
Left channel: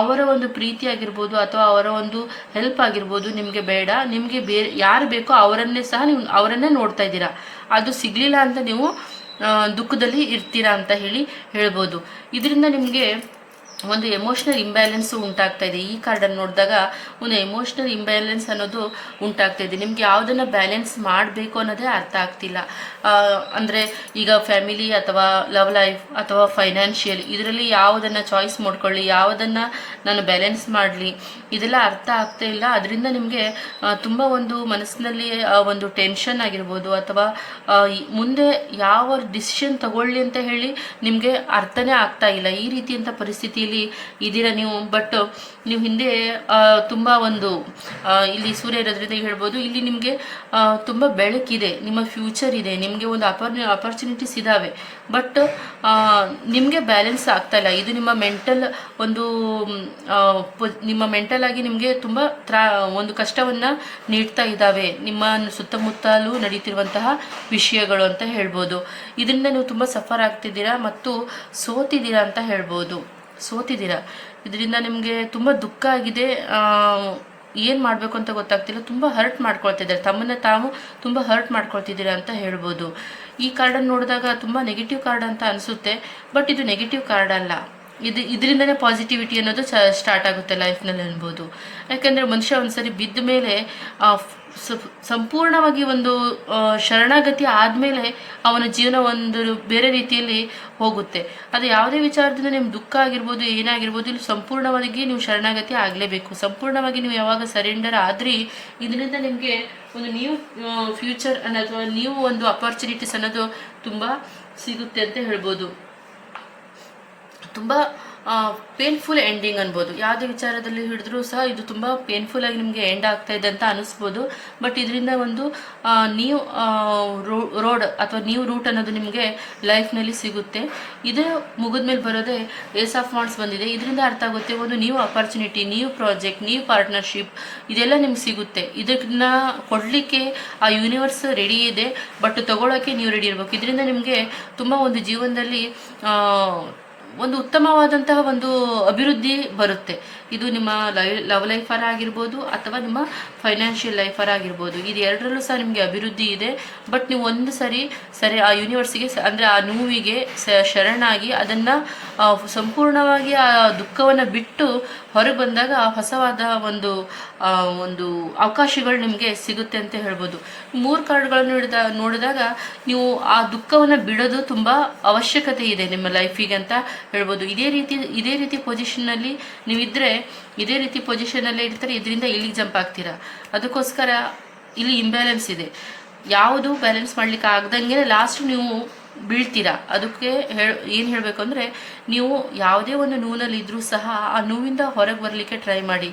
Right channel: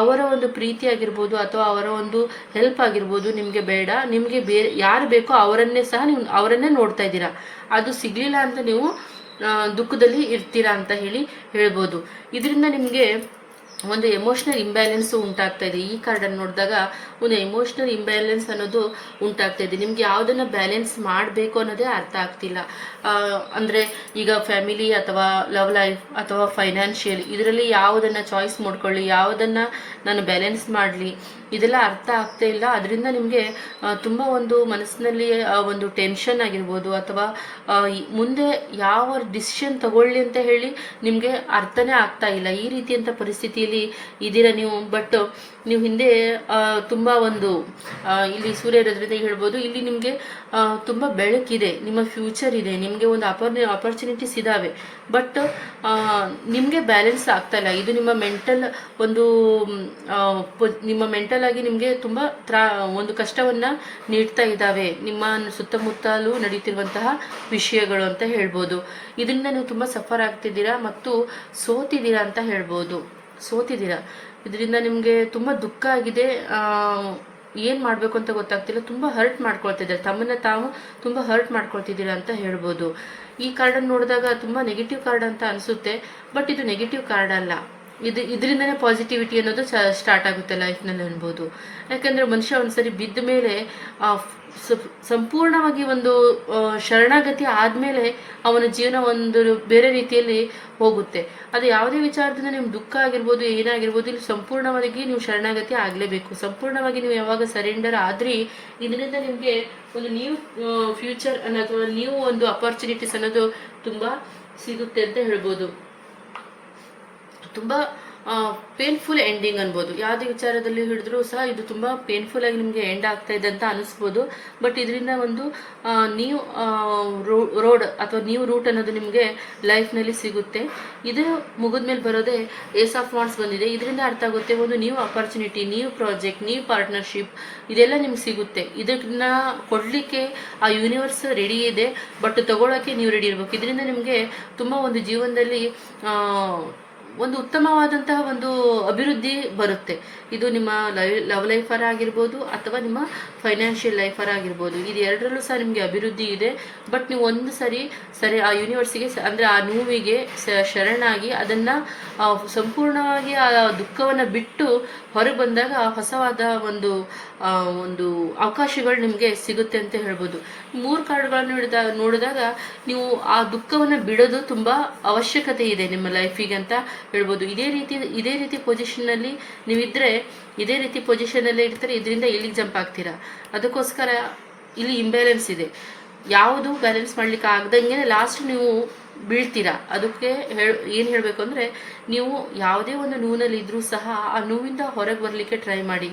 ಅವರ ಒಂದು ಪ್ರೀತಿ ಆಗಿರ್ಬೋದು ಅಥವಾ ಅವರ ಒಂದು ಹೆಲ್ಪ್ ಆಗಿರ್ಬೋದು ನಿಮಗೆ ಬೇಡ. ನಿಮಗೆ ಯಾರು ಬೇಕೋ ಅವರನ್ನೇ ಸಹ ನೀವು ಅವರನ್ನೇ ನೋಡ್ತಾ ಇದ್ದೀರಾ. ಅದು ಸಿಗಲಿಲ್ಲ ಅಂತ ನೀವು ದುಃಖದಲ್ಲಿ ಇರ್ತೀರಾ ಅಂತ ಹೇಳ್ಬೋದು. ಇದರಿಂದ ನಿಮಗೆ ಒಂದು ಎಮೋಷ್ನಲ್ ಇಂಬ್ಯಾಲೆನ್ಸು ಉಂಟಾಗ್ತಾ ಇದೆ. ಈ ಕಾರ್ಡನ್ನು ನೋಡಿದಾಗ ಒಂದು ಎಮೋಷ್ನಲ್ ಇಂಬ್ಯಾಲೆನ್ಸ್ ಅನ್ನೋದು ಉಂಟಾಗ್ತಾ ಇದೆ. ನಿಮ್ಗೆ ಯಾವುದನ್ನು ಬ್ಯಾಲೆನ್ಸ್ ಮಾಡಬೇಕು ಅನ್ನೋದೇ ಅರ್ಥ ಆಗ್ತಿಲ್ಲ. ಅಂದರೆ ಈಗ ಫ್ಯಾಮಿಲಿ ಅಥವಾ ಲವ್ ಲೈಫ್ ಅಥವಾ ಫೈನಾನ್ಷಿಯಲ್ ಇದರಲ್ಲಿ ಯಾವುದನ್ನು ಚಾಯ್ಸ್ ಮಾಡ್ಕೊಳ್ಳಿ, ಯಾವುದನ್ನು ನಾನು ಬ್ಯಾಲೆನ್ಸ್ ಮಾಡಲಿ, ಇದೆಲ್ಲ ಅರ್ಥ ಆಗ್ತಾ ಇಲ್ಲ. ಅದರಿಂದ ನಿಮಗೆ ತುಂಬ ಒಂದು ಮನಸ್ಸಿನಲ್ಲಿ ಒಂದು ಟೆನ್ಷನ್ ಆಗಿರ್ಬೋದು ಅಥವಾ ಮುಂದೆ ಯಾವ ಡಿಸಿಷನ್ ತಗೊಳ್ಳಿ ಅಂತ ಹೇಳಿ ನಿಮಗೆ ಅರ್ಥನೇ ಆಗ್ತಾ ಇಲ್ಲ. ಈ ರೀತಿಯಂಥ ಪರಿಸ್ಥಿತಿಯಲ್ಲಿ ಇದ್ದೀರಾ ನೀವು. ಬಟ್ ನೀವು ಹಿಂದೆ ತುಂಬ ಒಂದು ಇಲ್ಲಿ ಸೂರ್ಯ ಇರೋದ್ರಿಂದ ಹೇಳ್ಬೋದು, ಇಲ್ಲಿ ನಿಮಗೆ ತುಂಬ ಬೆಳಕಿದೆ, ನಿಮ್ಮ ಫ್ಯೂಚರ್ ಇದೆ, ನಿಮಗೆ ಒಂದು ಅಪರ್ಚುನಿಟೀಸ್ ಇದ್ದಾವೆ. ಬಟ್ ನಿಮಗೆ ಬ್ಯಾಲೆನ್ಸ್ ಆಗ್ತಾ ಇಲ್ಲ. ಇದು ನಿಮ್ಮ ಮೆಂಟಲ್ ಒಂದು ನಿಮ್ಮ ಮೆಂಟಲ್ ಆಗಿ ನಿಮಗೆ ತುಂಬ ಒಂದು ಕಷ್ಟವನ್ನು ನೀಡ್ತಾ ಇದ್ದಾವೆ ನಿಮ್ಮ ಸುತ್ತಮುತ್ತಲೂ ನಡೀತಿರುವಂತಹ ವಿಷಯಗಳು ಅಂತ ಹೇಳ್ಬೋದು. ಇದರಿಂದ ನೀವು ತುಂಬ ಸಫರ್ ಆಗ್ತಿದ್ದೀರಾ ಮತ್ತು ಸೋತಿದ್ದೀರಾ ಅಂತ ಹೇಳ್ಬೋದು. ಇದರಿಂದ ನಿಮಗೆ ತುಂಬ ದುಃಖ ಆಗಿದೆ. ಏನು ಮಾಡಬೇಕು ಅಂತ ಗೊತ್ತಾಗ್ತಿಲ್ಲ. ತುಂಬ ಹರ್ಟ್ ಮಾಡ್ಕೊಳ್ತಿದ್ದಾರೆ, ತಮ್ಮನ್ನು ತಾವು ತುಂಬ ಹರ್ಟ್ ಮಾಡ್ಕೊಳ್ತಿದ್ದೀರಾ ಅಂತ ಹೇಳ್ಬೋದು. ಈ ಕಾರ್ಡನ್ನು ನೋಡಿದಾಗ ತುಂಬ ನೆಗೆಟಿವ್ ಕಾರ್ಡ್ ಅಂತ ಅನಿಸುತ್ತೆ. ಬಟ್ ಇದು ನೆಗೆಟಿವ್ ಕಾರ್ಡ್ ಅಲ್ಲ. ಇದರಿಂದನೇ ಪಾಸಿಟಿವಿಟಿ ಅನ್ನೋದು ಸ್ಟಾರ್ಟ್ ಆಗುತ್ತೆ ಲೈಫ್ನಲ್ಲಿ ಅನ್ಬೋದು. ಯಾಕೆಂದರೆ ಮನುಷ್ಯ ಒಂದ್ಸರಿ ಬಿದ್ದ ಮೇಲೆ ಸಂಪೂರ್ಣವಾಗಿ ಒಂದು ಶರಣಾಗತಿ ಆದಮೇಲೆ ಅವನ ಜೀವನ ಒಂದು ಬೇರೆ ರೀತಿಯಲ್ಲಿ ಹೋಗುತ್ತೆ. ಅದು ಯಾವುದೇ ವಿಚಾರದಿಂದ ನಿಮ್ಗೆ ದುಃಖ ಆಗಿರ್ಬೋದು, ಏನಾಗಿರ್ಬೋದು, ಇಲ್ಲಿ ಸಂಪೂರ್ಣವಾಗಿ ನೀವು ಶರಣಾಗತಿ ಆಗಲೇಬೇಕು. ಸಂಪೂರ್ಣವಾಗಿ ನೀವು ಯಾವಾಗ ಸರೆಂಡರ್ ಆದ್ರಿ ಇದರಿಂದ ನಿಮಗೆ ಒಂದು ನ್ಯೂ ಫ್ಯೂಚರ್ ಅನ್ನೋದು, ನ್ಯೂ ಒಂದು ಅಪರ್ಚುನಿಟೀಸ್ ಅನ್ನೋದು ತುಂಬ ಸಿಗುತ್ತೆ ಅಂತ ಹೇಳ್ಬೋದು. ತುಂಬ ಪೇನ್ಫುಲ್ ಎಂಡಿಂಗ್ ಅನ್ಬೋದು. ಯಾವುದೇ ವಿಚಾರದಲ್ಲಿ ಹಿಡಿದ್ರೂ ಸಹ ಇದು ತುಂಬ ಪೇನ್ಫುಲ್ ಆಗಿ ನಿಮಗೆ ಎಂಡ್ ಆಗ್ತಾ ಇದೆ ಅಂತ ಅನಿಸ್ಬೋದು. ಬಟ್ ಇದರಿಂದ ಒಂದು ನ್ಯೂ ರೋಡ್ ಅಥವಾ ನ್ಯೂ ರೂಟ್ ಅನ್ನೋದು ನಿಮಗೆ ಲೈಫ್ನಲ್ಲಿ ಸಿಗುತ್ತೆ. ಇದೇ ಮುಗಿದ್ಮೇಲೆ ಬರೋದೇ ಏಸ್ ಆಫ್ ವಾಂಡ್ಸ್ ಬಂದಿದೆ. ಇದರಿಂದ ಅರ್ಥ ಆಗುತ್ತೆ ಒಂದು new opportunity, new project, new partnership ಇದೆಲ್ಲ ನಿಮ್ಗೆ ಸಿಗುತ್ತೆ. ಇದನ್ನ ಕೊಡಲಿಕ್ಕೆ ಆ ಯೂನಿವರ್ಸ್ ರೆಡಿ ಇದೆ, ಬಟ್ ತಗೊಳ್ಳೋಕ್ಕೆ ನೀವು ರೆಡಿ ಇರಬೇಕು. ಇದರಿಂದ ನಿಮಗೆ ತುಂಬ ಒಂದು ಜೀವನದಲ್ಲಿ ಒಂದು ಉತ್ತಮವಾದಂತಹ ಒಂದು ಅಭಿವೃದ್ಧಿ ಬರುತ್ತೆ. ಇದು ನಿಮ್ಮ ಲವ್ ಲೈಫರ್ ಆಗಿರ್ಬೋದು ಅಥವಾ ನಿಮ್ಮ ಫೈನಾನ್ಷಿಯಲ್ ಲೈಫರ್ ಆಗಿರ್ಬೋದು. ಇದು ಎರಡರಲ್ಲೂ ಸಹ ನಿಮಗೆ ಅಭಿವೃದ್ಧಿ ಇದೆ. ಬಟ್ ನೀವು ಒಂದು ಸರಿ ಆ ಯೂನಿವರ್ಸಿಗೆ ಅಂದರೆ ಆ ನೋವಿಗೆ ಶರಣಾಗಿ ಅದನ್ನು ಸಂಪೂರ್ಣವಾಗಿ ಆ ದುಃಖವನ್ನು ಬಿಟ್ಟು ಹೊರಗೆ ಬಂದಾಗ ಹೊಸವಾದ ಒಂದು ಅವಕಾಶಗಳು ನಿಮಗೆ ಸಿಗುತ್ತೆ ಅಂತ ಹೇಳ್ಬೋದು. 3 ಕಾರ್ಡ್ಗಳನ್ನು ನೋಡಿದಾಗ ನೀವು ಆ ದುಃಖವನ್ನು ಬಿಡೋದು ತುಂಬ ಅವಶ್ಯಕತೆ ಇದೆ ನಿಮ್ಮ ಲೈಫಿಗೆ ಅಂತ ಹೇಳ್ಬೋದು. ಇದೇ ರೀತಿ ಪೊಸಿಷನ್ನಲ್ಲಿ ನೀವಿದ್ದರೆ ಇದೇ ರೀತಿ ಪೊಸಿಷನಲ್ಲೇ ಇರ್ತಾರೆ. ಇದರಿಂದ ಇಲ್ಲಿಗೆ ಜಂಪ್ ಆಗ್ತೀರಾ. ಅದಕ್ಕೋಸ್ಕರ ಇಲ್ಲಿ ಇಂಬ್ಯಾಲೆನ್ಸ್ ಇದೆ. ಯಾವುದು ಬ್ಯಾಲೆನ್ಸ್ ಮಾಡ್ಲಿಕ್ಕೆ ಆಗ್ದಂಗೆ ಲಾಸ್ಟ್ ನೀವು ಬೀಳ್ತೀರಾ. ಅದಕ್ಕೆ ಏನು ಹೇಳಬೇಕು ಅಂದರೆ, ನೀವು ಯಾವುದೇ ಒಂದು ನೋವಿನಲ್ಲಿ ಇದ್ರೂ ಸಹ ಆ ನೋವಿಂದ ಹೊರಗೆ ಬರಲಿಕ್ಕೆ ಟ್ರೈ ಮಾಡಿ.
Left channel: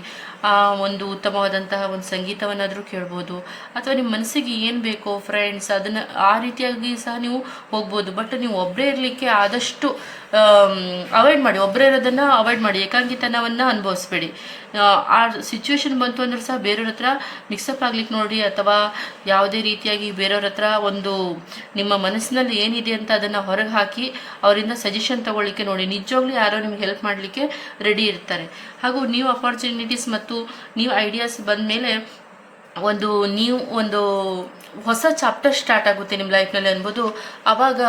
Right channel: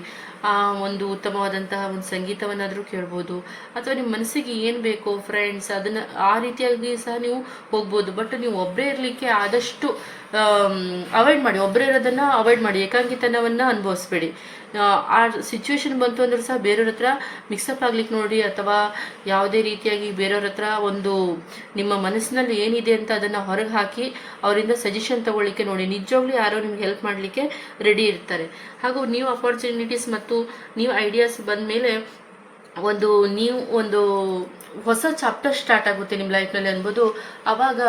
ಒಂದು ಉತ್ತಮವಾದಂತಹ ಒಂದು ಸಂಗೀತವನ್ನಾದರೂ ಕೇಳ್ಬೋದು, ಅಥವಾ ನಿಮ್ಮ ಮನಸ್ಸಿಗೆ ಏನು ಬೇಕೋ ಫ್ರೆಂಡ್ಸ್ ಅದನ್ನು ಆ ರೀತಿಯಾಗಿ ಸಹ ನೀವು ಹೋಗ್ಬೋದು. ಬಟ್ ನೀವು ಒಬ್ಬರೇ ಇರಲಿಕ್ಕೆ ಆದಷ್ಟು ಅವಾಯ್ಡ್ ಮಾಡಿ. ಒಬ್ಬರೇ ಇರೋದನ್ನು ಅವಾಯ್ಡ್ ಮಾಡಿ. ಏಕಾಂಗಿತನವನ್ನು ಅನುಭವಿಸ್ಬೇಡಿ. ಆ ಸಿಚುವೇಶನ್ ಬಂತು ಅಂದ್ರೂ ಸಹ ಬೇರೆಯವ್ರ ಹತ್ರ ಮಿಕ್ಸಪ್ ಆಗ್ಲಿಕ್ಕೆ ನೋಡಿ, ಅಥವಾ ಯಾವುದೇ ರೀತಿಯಾಗಿ ಬೇರೆಯವ್ರ ಹತ್ರ ಒಂದು ನಿಮ್ಮ ಮನಸ್ಸಿನಲ್ಲಿ ಏನಿದೆ ಅಂತ ಅದನ್ನು ಹೊರಗೆ ಹಾಕಿ ಅವರಿಂದ ಸಜೆಷನ್ ತಗೊಳ್ಳಿಕ್ಕೆ ನೋಡಿ. ನಿಜವಾಗ್ಲೂ ಯಾರೋ ನಿಮ್ಗೆ ಹೆಲ್ಪ್ ಮಾಡಲಿಕ್ಕೆ ರೆಡಿ ಇರ್ತಾರೆ. ಹಾಗೂ ನ್ಯೂ ಅಪರ್ಚುನಿಟೀಸ್ ಮತ್ತು ನ್ಯೂ ಐಡಿಯಾಸ್ ಬಂದ ಮೇಲೆ ಒಂದು ಹೊಸ ಚಾಪ್ಟರ್ ಸ್ಟಾರ್ಟ್ ಆಗುತ್ತೆ ನಿಮ್ಮ ಲೈಫ್ನಲ್ಲಿ ಅನ್ಬೋದು. ಆವಾಗ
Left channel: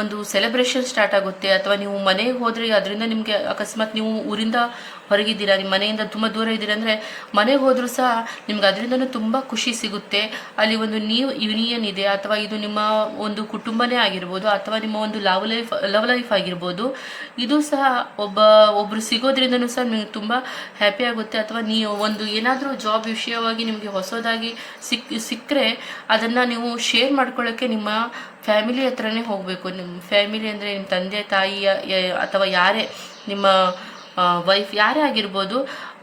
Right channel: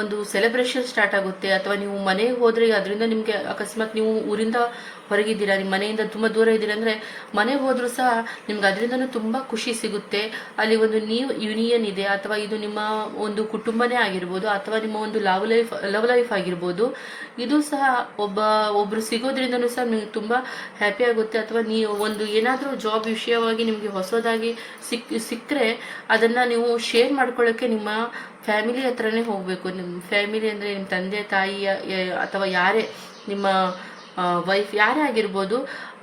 ಒಂದು ಸೆಲೆಬ್ರೇಷನ್ ಸ್ಟಾರ್ಟ್ ಆಗುತ್ತೆ. ಅಥವಾ ನೀವು ಮನೆಗೆ ಹೋದರೆ ಅದರಿಂದ ನಿಮಗೆ ಅಕಸ್ಮಾತ್ ನೀವು ಊರಿಂದ ಹೊರಗಿದ್ದೀರಾ, ನಿಮ್ಮ ಮನೆಯಿಂದ ತುಂಬ ದೂರ ಇದ್ದೀರಾ ಅಂದರೆ ಮನೆಗೆ ಹೋದರೂ ಸಹ ನಿಮ್ಗೆ ಅದರಿಂದನೂ ತುಂಬ ಖುಷಿ ಸಿಗುತ್ತೆ. ಅಲ್ಲಿ ಒಂದು ನ್ಯೂ ಯೂನಿಯನ್ ಇದೆ, ಅಥವಾ ಇದು ನಿಮ್ಮ ಒಂದು ಕುಟುಂಬನೇ ಆಗಿರ್ಬೋದು, ಅಥವಾ ನಿಮ್ಮ ಒಂದು ಲವ್ ಲೈಫ್ ಆಗಿರ್ಬೋದು. ಇದು ಸಹ ಒಬ್ಬರು ಸಿಗೋದ್ರಿಂದನೂ ಸಹ ನಿಮ್ಗೆ ತುಂಬ ಹ್ಯಾಪಿ ಆಗುತ್ತೆ. ಅಥವಾ ನೀವು ಒಂದು ಏನಾದರೂ ಜಾಬ್ ವಿಷಯವಾಗಿ ನಿಮಗೆ ಹೊಸದಾಗಿ ಸಿಕ್ಕರೆ ಅದನ್ನು ಅದನ್ನು ನೀವು ಶೇರ್ ಮಾಡ್ಕೊಳ್ಳೋಕ್ಕೆ ನಿಮ್ಮ ಫ್ಯಾಮಿಲಿ ಹತ್ರನೇ ಹೋಗಬೇಕು. ನಿಮ್ಮ ಫ್ಯಾಮಿಲಿ ಅಂದರೆ ನಿಮ್ಮ ತಂದೆ ತಾಯಿಯ ಅಥವಾ ಯಾರೇ ನಿಮ್ಮ ವೈಫ್ ಯಾರೇ ಆಗಿರ್ಬೋದು,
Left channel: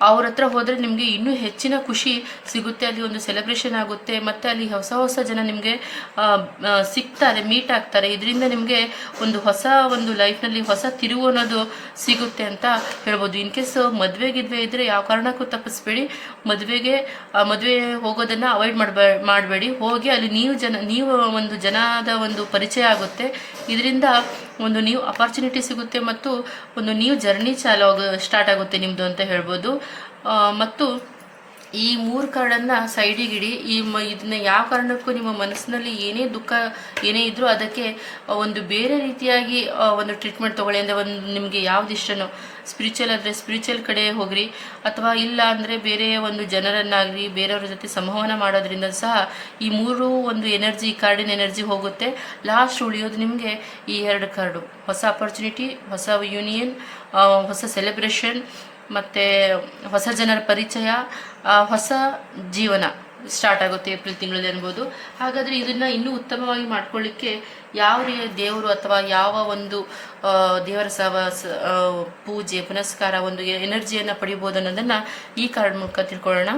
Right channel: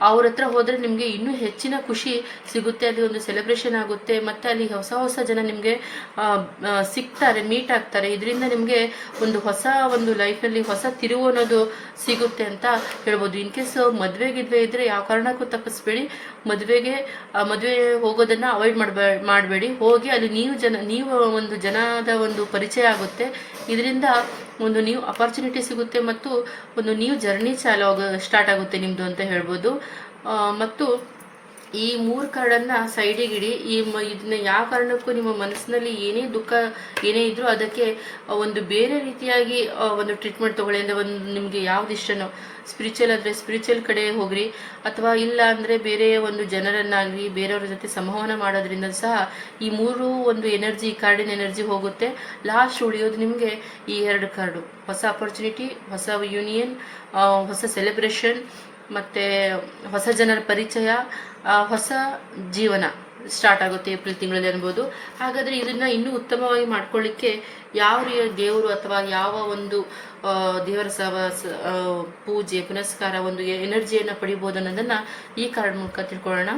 ಅವ್ರ ಹತ್ರ ಹೋದರೆ ನಿಮಗೆ ಇನ್ನೂ ಹೆಚ್ಚಿನ ಖುಷಿ ಸಿಗುತ್ತೆ. ಅಲ್ಲಿ ಒಂದು ಸೆಲೆಬ್ರೇಷನ್ ಆಗುತ್ತೆ, ಮತ್ತು ಅಲ್ಲಿ ಹೊಸ ಹೊಸ ಜನ ನಿಮಗೆ ಸಿಗ್ತಾರೆ, ಮೀಟ್ ಆಗ್ತಾರೆ. ಇದರಿಂದ ನಿಮಗೆ ಒಂದು ಹೊಸ ಒಂದು ಲೈಫ್ನಲ್ಲಿ ಹೊಸ ತಿರುವು ಅನ್ನೋದು ಸಿಗುತ್ತೆ ಅಂತ ಹೇಳ್ಬೋದು. ಇನ್ ಕೇಸ್ ಮದುವೆಗಿದ್ವೆ ಇದ್ದರೆ ಯಾವ ಕಾರಣಕ್ಕೂ ತಪ್ಪಿಸ್ಬೇಡಿ. ಮದುವೆ ಹೋಗೋದನ್ನು ಅವಾಯ್ಡ್ ಮಾಡಬೇಡಿ. ಹೋಗಿ ಅಲ್ಲಿ ನೀವು ಒಂದು ಜನದ ಒಂದು ಪರಿಚಯ ಆಗುತ್ತೆ. ಇದರಿಂದ ಒಂದು ನ್ಯೂ ಅಪರ್ಚುನಿಟಿ ಸಿಗುತ್ತೆ ಮತ್ತು ಒಂದು ನ್ಯೂ ಜರ್ನಿ ಸ್ಟಾರ್ಟ್ ಆಗುತ್ತೆ ನಿಮ್ಮದು ಅಂತ ಹೇಳ್ಬೋದು. ಮತ್ತು ಈ 3 ಕಾರ್ಡನ್ನು ಸೈಡಿಗಿಡಿ. ಇದನ್ನ ಯಾವ ಕಾರಣಕ್ಕೂ ನಿಮ್ಮ ಮನಸ್ಸಿನಲ್ಲಿ ಏನೇ ದುಃಖ ಏನೇ ಇದ್ರೂ ಅದಕ್ಕೆ ಒಂದು ಬೇರೆ ರೀತಿಯಾಗಿ ಒಂದು ಟ್ರೀಟ್ಮೆಂಟ್ ತೊಗೊಳ್ಳಿ. ಅಂದರೆ ಒಂದು ನಿಮಗೆ ಯಾವ್ದು ಇಷ್ಟನೋ, ಸ್ಪಿರಿಚುವಲ್ ಆದರೆ ಸ್ಪಿರಿಚುವಲ್ ಕಡೆ ಹೋಗ್ರಿ, ಅಥವಾ ಇಲ್ಲ ಅಂದರೆ ಬೇರೆ ಒಂದು ಜನರನ್ನಾಗಲಿ ಬೇರೆಯವ್ರ ಜೊತೆ ಸಂವಹನ ಮಾಡೋದ್ರಿಂದ ಸಹ ಈ 3 ಒಂದು ಎನರ್ಜಿ, ಕಾರ್ಡಿನ ಎನರ್ಜಿ ಹೋಗುತ್ತೆ. ಲಾಸ್ಟ್ ಉಳಿಯೋದು ನಿಮಗೆ ಈ 2 ಕಾರ್ಡು, ಹೊಸ ಅಪರ್ಚುನಿಟಿ, ಹೊಸ ಯೂನಿಯನ್, ಹೊಸ ಸೆಲೆಬ್ರೇಷನ್, ಮತ್ತು ಹೊಸ ಜನರ ಪರಿಚಯ, ಹೊಸ ಜೀವನ ಸ್ಟಾರ್ಟ್ ಆಗುತ್ತೆ ಏಪ್ರಿಲ್ ತಿಂಗಳಲ್ಲಿ ಅನ್ಬೋದು. ಹಾಗಾದರೆ ಇದನ್ನು ಇನ್ನೂ ಉತ್ತಮವಾಗಿ ಮಾಡ್ಕೊಳ್ಳಿಕ್ಕೆ ಯಾವ ದೇವರು ಅಥವಾ ಯಾವ ಒಂದು ದೇವರ ಪೂಜೆ ಪುನಸ್ಕಾರ ಒಂದು ಎನರ್ಜಿಯನ್ನು ಪಡಿಬೋದು ಅನ್ನೋದನ್ನು ಈ ಕಾರ್ಡ್ ಮೂಲಕ ತಿಳ್ಕೊಳ್ಳೋಣ.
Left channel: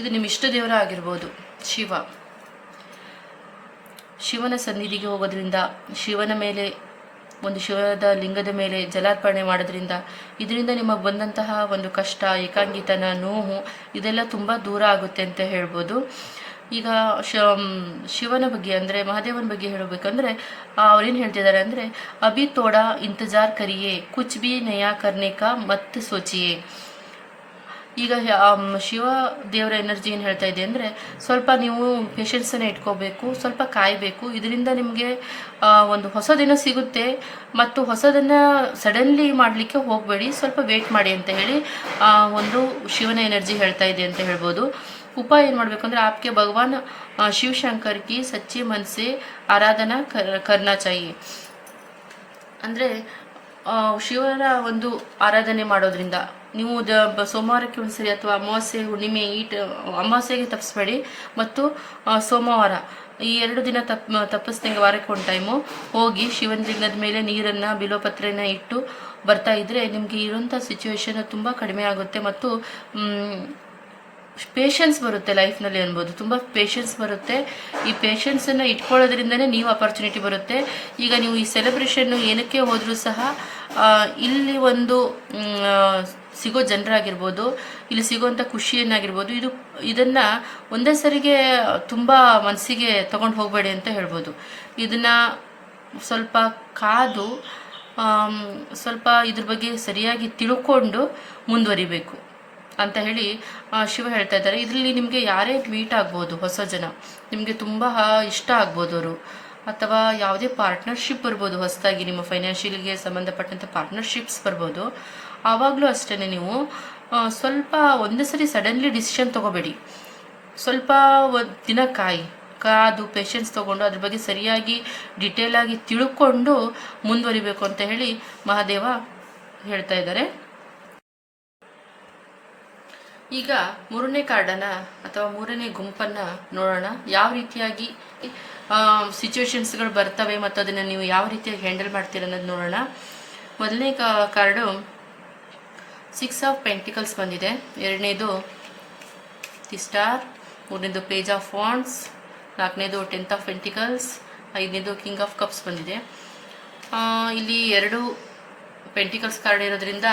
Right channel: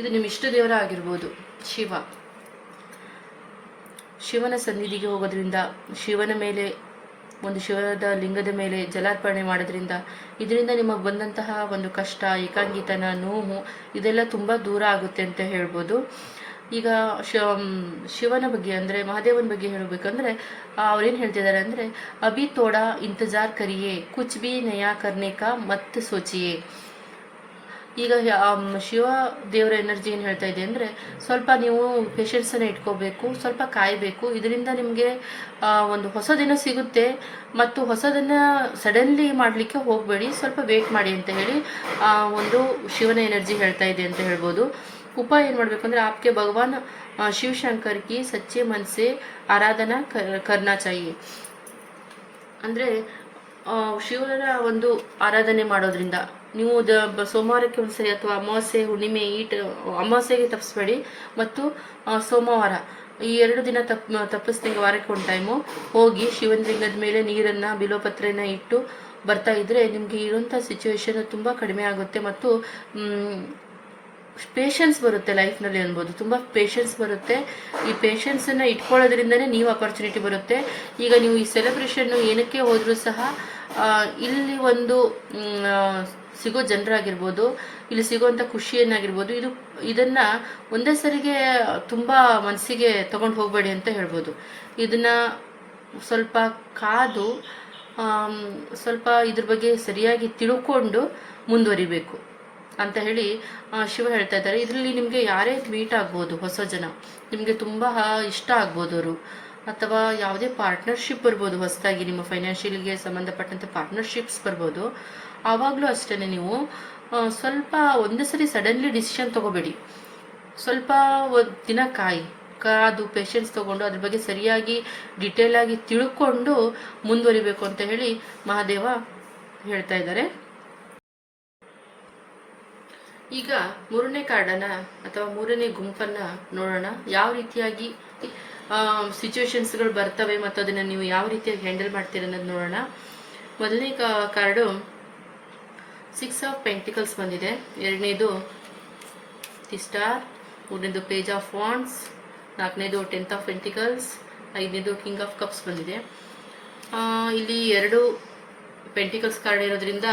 ಇದು ನಿಮ್ಮ ಇಷ್ಟ ದೇವರ ಆಗಿರ್ಬೋದು. ಶಿವನ ಸನ್ನಿಧಿಗೆ ಹೋಗೋದ್ರಿಂದ, ಶಿವನ ಮೇಲೆ ಒಂದು ಶಿವದ ಲಿಂಗದ ಮೇಲೆ ಜಲಾರ್ಪಣೆ ಮಾಡೋದ್ರಿಂದ ಇದರಿಂದ ನಿಮಗೆ ಬಂದಂತಹ ಒಂದು ಕಷ್ಟ, ಏಕಾಂಗಿತನ, ನೋವು ಇದೆಲ್ಲ ತುಂಬ ದೂರ ಆಗುತ್ತೆ ಅಂತ ಹೇಳ್ಬೋದು. ಈಗ ಶಿವನ ಬಗ್ಗೆ ಅಂದರೆ ಮಹಾದೇವನ ಬಗ್ಗೆ ಹೇಳಬೇಕಂದ್ರೆ ಅವ್ರೇನು ಹೇಳ್ತಿದ್ದಾರೆ ಅಂದರೆ, ಅಭಿ ತೋಡಾ ಇಂತಜಾರ್ ಕರಿಯೇ, ಕುಚ್ ಬಿ ನಯಾ ಕರ್ನೆ ಕಾ ಮತ್ ಸೋಚಿಯೇ. ಈಗ ಶಿವ ದೇವರ ಎನರ್ಜಿ ಏನು ಹೇಳ್ತಾ ಇದೆ ಅಂದರೆ, ಸ್ವಲ್ಪ ನೀವು ಪೇಷನ್ಸನ್ನು ಇಟ್ಕೋಬೇಕು, ಸ್ವಲ್ಪ ಕಾಯಬೇಕು. ಇದರಿಂದ ನಿಮಗೆ ಒಂದು ಹೊಸದೇನೋ ಸಿಗುತ್ತೆ, ಮತ್ತು ಹೊಸದನ್ನು ಸಡನ್ಲಿ ಮಾಡಲಿಕ್ಕೆ ಹೋಗಬೇಡಿ, ಸ್ವಲ್ಪ ವೇಟ್ ಮಾಡಿ ಅಂತ ಹೇಳಿ ಒಂದು ಶಿವನ ಎನರ್ಜಿ ಹೇಳ್ತಾ ಇದೆ ಅಂತ ಹೇಳ್ಬೋದು. ಉಪಾಯ ಏನು ಮಾಡಬೇಕು ಅಂದರೆ, ಆಪ್ಗೆ ಭಗವಾನ್ ಶಿವಶಂಕರ್ ಕಿ ಸಚ್ಚೆ ಮನಸ್ಸೆ ಆರಾಧನಾ ಕರ್ನಾ ಚಾಹಿಯೆ. ಅಂದರೆ ಶಿವನ ಒಂದು ಆರಾಧನೆ ಮಾಡೋದ್ರಿಂದ ನೀವು ಸೋಮವಾರಕ್ಕೆ ಒಂದ್ಸರಿ ಅಥವಾ ಅಮಾವಾಸ್ಯೆ, ಹುಣ್ಣಿಮೆ, ಅಮಾವಾಸ್ಯೆಗೆ ತಪ್ಪಿಸ್ಬೇಡಿ, ಮತ್ತು ಸೋಮವಾರ ಈ 2 ದಿನ ತಪ್ಪಿಸ್ದಂಗೆ ವಾರಕ್ಕೆ ಒಂದು ಟೈಮು ಹೋಗಿ ಶಿವನ ಲಿಂಗದ ಮೇಲೆ ನೀರನ್ನು, ಬಿಲ್ವಪತ್ರೆನ ಇಟ್ಟು ಬರ್ತಾ ಇದ್ದರೆ ನಿಮಗೆ ಇರೋಂಥ ಸಿಚುವೇಶನ್ ತುಂಬ ಕಡಿಮೆ ಆಗುತ್ತೆ. ಮತ್ತು ಪೇಷನ್ಸ್ ಬರುತ್ತೆ ಲೈಫ್ನಲ್ಲಿ ಅನ್ಬೋದು, ತುಂಬ ಪೇಷನ್ಸ್ ಬರುತ್ತೆ. ಈ ಪೇಷನ್ಸನ್ನು ಇಟ್ಕೊಳ್ಳೋದ್ರಿಂದನೇ ನೀವು ಅಪರ್ಚುನಿಟಿ ಬರುತ್ತೆ. ಈಗ ನೀವು ಈ ಸೆಲೆಬ್ರೇಷನ್ನು ಏನಕ್ಕೆ ಹೋದರೂ ಸಹ ಇಲ್ಲಿ ಒಂದು ಸಿಗೋ ಜನರಾಗಿರ್ಬೋದು, ಇಲ್ಲಿ ಸಿಗೋವಂಥ ಖುಷಿಯನ್ನಾಗಿರ್ಬೋದು, ಇದನ್ನು ಒಂದೇ ಸರಿಗೆ ತುಂಬ ಮನಸ್ಸಿಗೆ ತಗೊಂಡು ಹೋಗಬೇಡಿ ಅಂತ ಹೇಳ್ಬೋದು. ಇದನ್ನು ಸ್ವಲ್ಪ ಕಾದು ಸ್ವಲ್ಪ ಇದ್ರ ಬಗ್ಗೆ ಸರಿಯಾಗಿ ತಿಳ್ಕೊಂಡು ಮುಂದುವರಿಬೇಕು ಅಂತ ಹೇಳಿ ಶಿವ ಹೇಳ್ತಾ ಇದ್ದಾರೆ. ಇದರಲ್ಲಿ ನಿಮಗೆ ಯಾರೇ ಮೀಟ್ ಆಗ್ಬೋದು, ಹೊಸ ಜನ ನಿಮಗೆ ತುಂಬ ಇಷ್ಟ ಆಗ್ಬೋದು ಅವರು, ಅಥವಾ ಯಾವುದೇ ಪಾರ್ಟ್ನರ್ಶಿಪ್ ಬರ್ಬೋದು, ಹೊಸದಾಗಿ ನಿಮ್ಮ ಫೈನಾನ್ಷಿಯಲ್ಗೆ ಸಂಬಂಧಪಟ್ಟಂಥ ಪಾರ್ಟ್ನರ್ಶಿಪ್ಸ್ ಬರ್ಬೋದು. ಆವಾಗಲೂ ಅಷ್ಟೇ ನೀವು ಸ್ವಲ್ಪ ಒಂದೇ ಸರಿ ಸಡನ್ಲಿ ಡಿಸಿಷನ್ ತೊಗೋಬೇಡಿ, ಸ್ವಲ್ಪ ದಿನ ಕಾದು ಪೇಷನ್ಸ್ ತೊಗೊಂಡು ಅದ್ರ ಬಗ್ಗೆ ಸರಿಯಾಗಿ ಡಿಟೇಲಾಗಿ ತಿಳ್ಕೊಂಡು ಮುಂದುವರಿಬೇಕು ಅಂತ ಹೇಳಿ ಮಹಾದೇವ ಹೇಳ್ತಾ ಇದ್ದಾರೆ. ಈಗ 3ನೇ ಕಾರ್ಡನ್ನು ಅಥವಾ 3ನೇ ಗುಂಪನ್ನು ನೋಡೋಣ. ಯಾವ ರೀತಿಯಾಗಿ ಸಿಚುವೇಶನ್ಸ್ಗಳು ಬರ್ತವೆ ಮತ್ತು ಅದನ್ನು ನೀವು ಯಾವ ರೀತಿಯಾಗಿ ಹ್ಯಾಂಡಲ್ ಮಾಡ್ತೀರ ಅನ್ನೋದು ನೋಡೋಣ. ಮೊದಲನೇ ಕಾರ್ಡು 6 ಆಫ್ ಪೆಂಟಿಕಲ್ಸ್ ಬಂದಿದೆ, 2ನೇದು ದಿ ಸ್ಟಾರ್, 3ನೇದು ಪೇಜ್ ಆಫ್ ವಾಂಡ್ಸ್, 4ನೇದು 10 ಆಫ್ ಪೆಂಟಿಕಲ್ಸ್, 5ನೇದು ಕಿಂಗ್ ಆಫ್ ಕಪ್ಸ್ ಬಂದಿದೆ. ಇಲ್ಲಿ 2 ಪೆಂಟಿಕಲ್ಸ್ ಕಾರ್ಡ್ ಇರೋದ್ರಿಂದ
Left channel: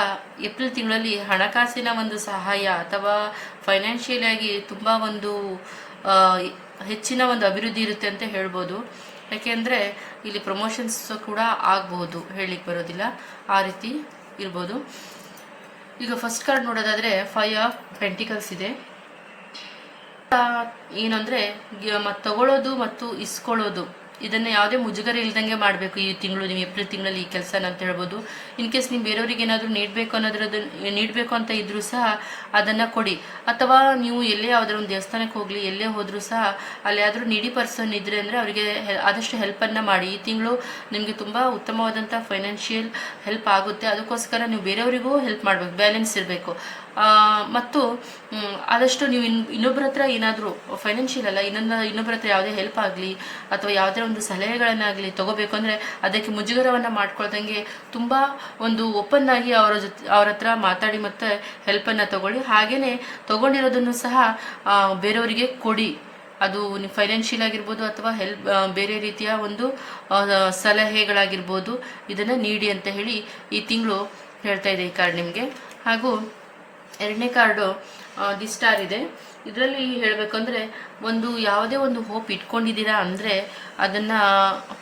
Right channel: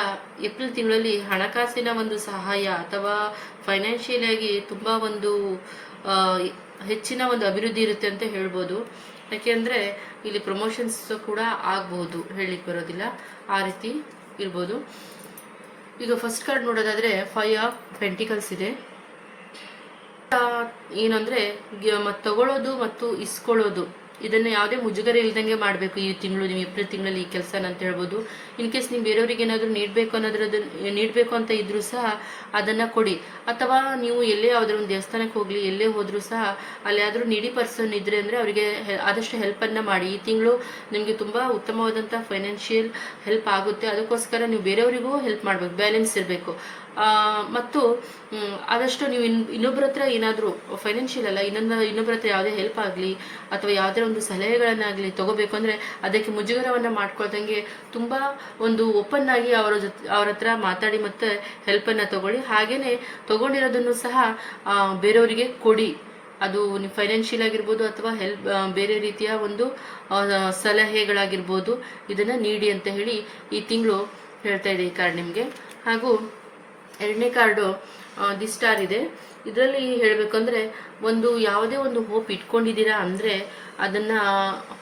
ಏಪ್ರಿಲ್ ತಿಂಗಳಲ್ಲಿ ಹಣಕಾಸಿನ ಒಂದು ಸಹಾಯ ಅಥವಾ ಫೈನಾನ್ಷಿಯಲ್ ಆಗಿ ತುಂಬ ಒಂದು ಹೆಚ್ಚಿನ ಒಂದು ಅಭಿವೃದ್ಧಿ ಇರುತ್ತೆ ಅಂತ ಹೇಳ್ಬೋದು. ಯಾಕೆಂದರೆ ಇಲ್ಲಿ ಪ್ರಮೋಷನ್ಸ್ ಕೂಡ ಆಗ್ಬೋದು, ಹೇಳಲಿಕ್ಕೆ ಬರೋದಿಲ್ಲ, ಆ ರೀತಿ ಇರ್ಬೋದು. ಈಗ ಫಸ್ಟ್ ಕಾರ್ಡ್ ನೋಡೋದಾದರೆ 5 ಆಫ್ ಪೆಂಟಿಕಲ್ಸ್ ಇದೆ. ಏನಂದರೆ ತಗೊಳ್ಳೋದು ಮತ್ತು ಇಸ್ಕೊಳ್ಳೋದು ಇದನ್ನು ಯಾವುದೇ ಮುಜುಗರ ಇಲ್ದಂಗೆ ಮಾಡಬೇಕು. ಈ ತಿಂಗಳು ನೀವು ಏಪ್ರಿಲ್ ತಿಂಗಳಲ್ಲಿ ಈ ಕೆಲಸನ ಅಂತ ಹೇಳ್ಬೋದು. ಇನ್ ಕೇಸ್ ನೀವು ಬೇರೆಯವ್ರಿಗೆ ಏನಾದರೂ ನೀಡಬೇಕು ಅಂತ ಇದ್ರೂ ಸಹ ಅದನ್ನು ಕೊಡಿ. ಅಥವಾ ನೀವು ಎಲ್ಲೇ ಯಾವುದಾದ್ರು ಒಂದು ದೇವಸ್ಥಾನಕ್ಕೆ ಹೋಗಲಿ, ಎಲ್ಲೇ ಹೋದರೂ ಸಹ ಅಲ್ಲಿ ಯಾವ್ದಾದ್ರು ನೀಡಿ ಪರ್ಸನ್ ಇದ್ರೆ ಅಂದರೆ ಅವರಿಗೆ ಆದಷ್ಟು ಹೆಲ್ಪನ್ನು ಮಾಡಿ. ಈ ತಿಂಗಳು ನಿಮಗೆ ತುಂಬ ಉತ್ತಮವಾದಂಥ ಫೈನಾನ್ಷಿಯಲ್ ಹೆಲ್ಪ್ ಆಗುತ್ತೆ. ಅದಕ್ಕೋಸ್ಕರ ನೀವು ಬೇರೆಯವರಿಗೂ ಹೆಲ್ಪ್ ಮಾಡಬೇಕು, ಬ್ಯಾಲೆನ್ಸ್ ಇರಬೇಕು. ಮತ್ತು ಆದಷ್ಟು ನೀವು ಇನ್ನೊಬ್ಬರ ಹತ್ರ ಏನಾದರೂ ಫೈನಾನ್ಷಿಯಲ್ ಅಲ್ಲ, ಇನ್ನೊಬ್ಬರ ಹತ್ರ ಯಾವುದೇ ಹೆಲ್ಪ್ ಆಗಲಿ ಅಥವಾ ಯಾವುದೇ ಒಂದು ಸಲಹೆಗಳನ್ನಾಗಲಿ ತಗೋಬೇಕು ಅಂದರೆ ಅದಕ್ಕೆ ಮುಜುಗರವನ್ನು ಮಾಡ್ಕೊಳ್ದಂಗೆ ತುಂಬ ಒಂದು ಓಪನ್ ಆಗಿ ಅವ್ರ ಹತ್ರ ಮಾತಾಡಿ ಮತ್ತು ಹೆಲ್ಪನ್ನು ತಗೊಳ್ಳಿ. ಹಾಗೆಯೇ ತಗೊಂಡಿರೋದನ್ನು ಸಹ ಬೇರೆಯವರಿಗೆ ಕೊಡಿ. ಅದು ಫೈನಾನ್ಷಿಯಲ್ ಆಗಿರ್ಬೋದು ಅಥವಾ ಬೇರೆ ರೀತಿಯ ಒಂದು ಸಲಹೆಗಳಾಗಿರ್ಬೋದು, ಇದನ್ನು ನೀಡಿ ಅಂತ ಹೇಳಿ ಈ ತಿಂಗಳು ಹೇಳ್ತಾ ಇದೆ ಈ ಕಾರ್ಡ್ ನಿಮಗೆ. ಹಾಗೂ ಎರಡನೇ ಕಾರ್ಡು ದಿ ಸ್ಟಾರ್ ಇದೆ. ಇದರಲ್ಲಿ ಹೇಳಬೇಕಂದ್ರೆ ಯಾವುದೇ ಒಂದು ಹೋಪ್ ಇಟ್ಕೊಂಡಿದ್ದೀರಾ ಅಂದರೆ ಅದನ್ನು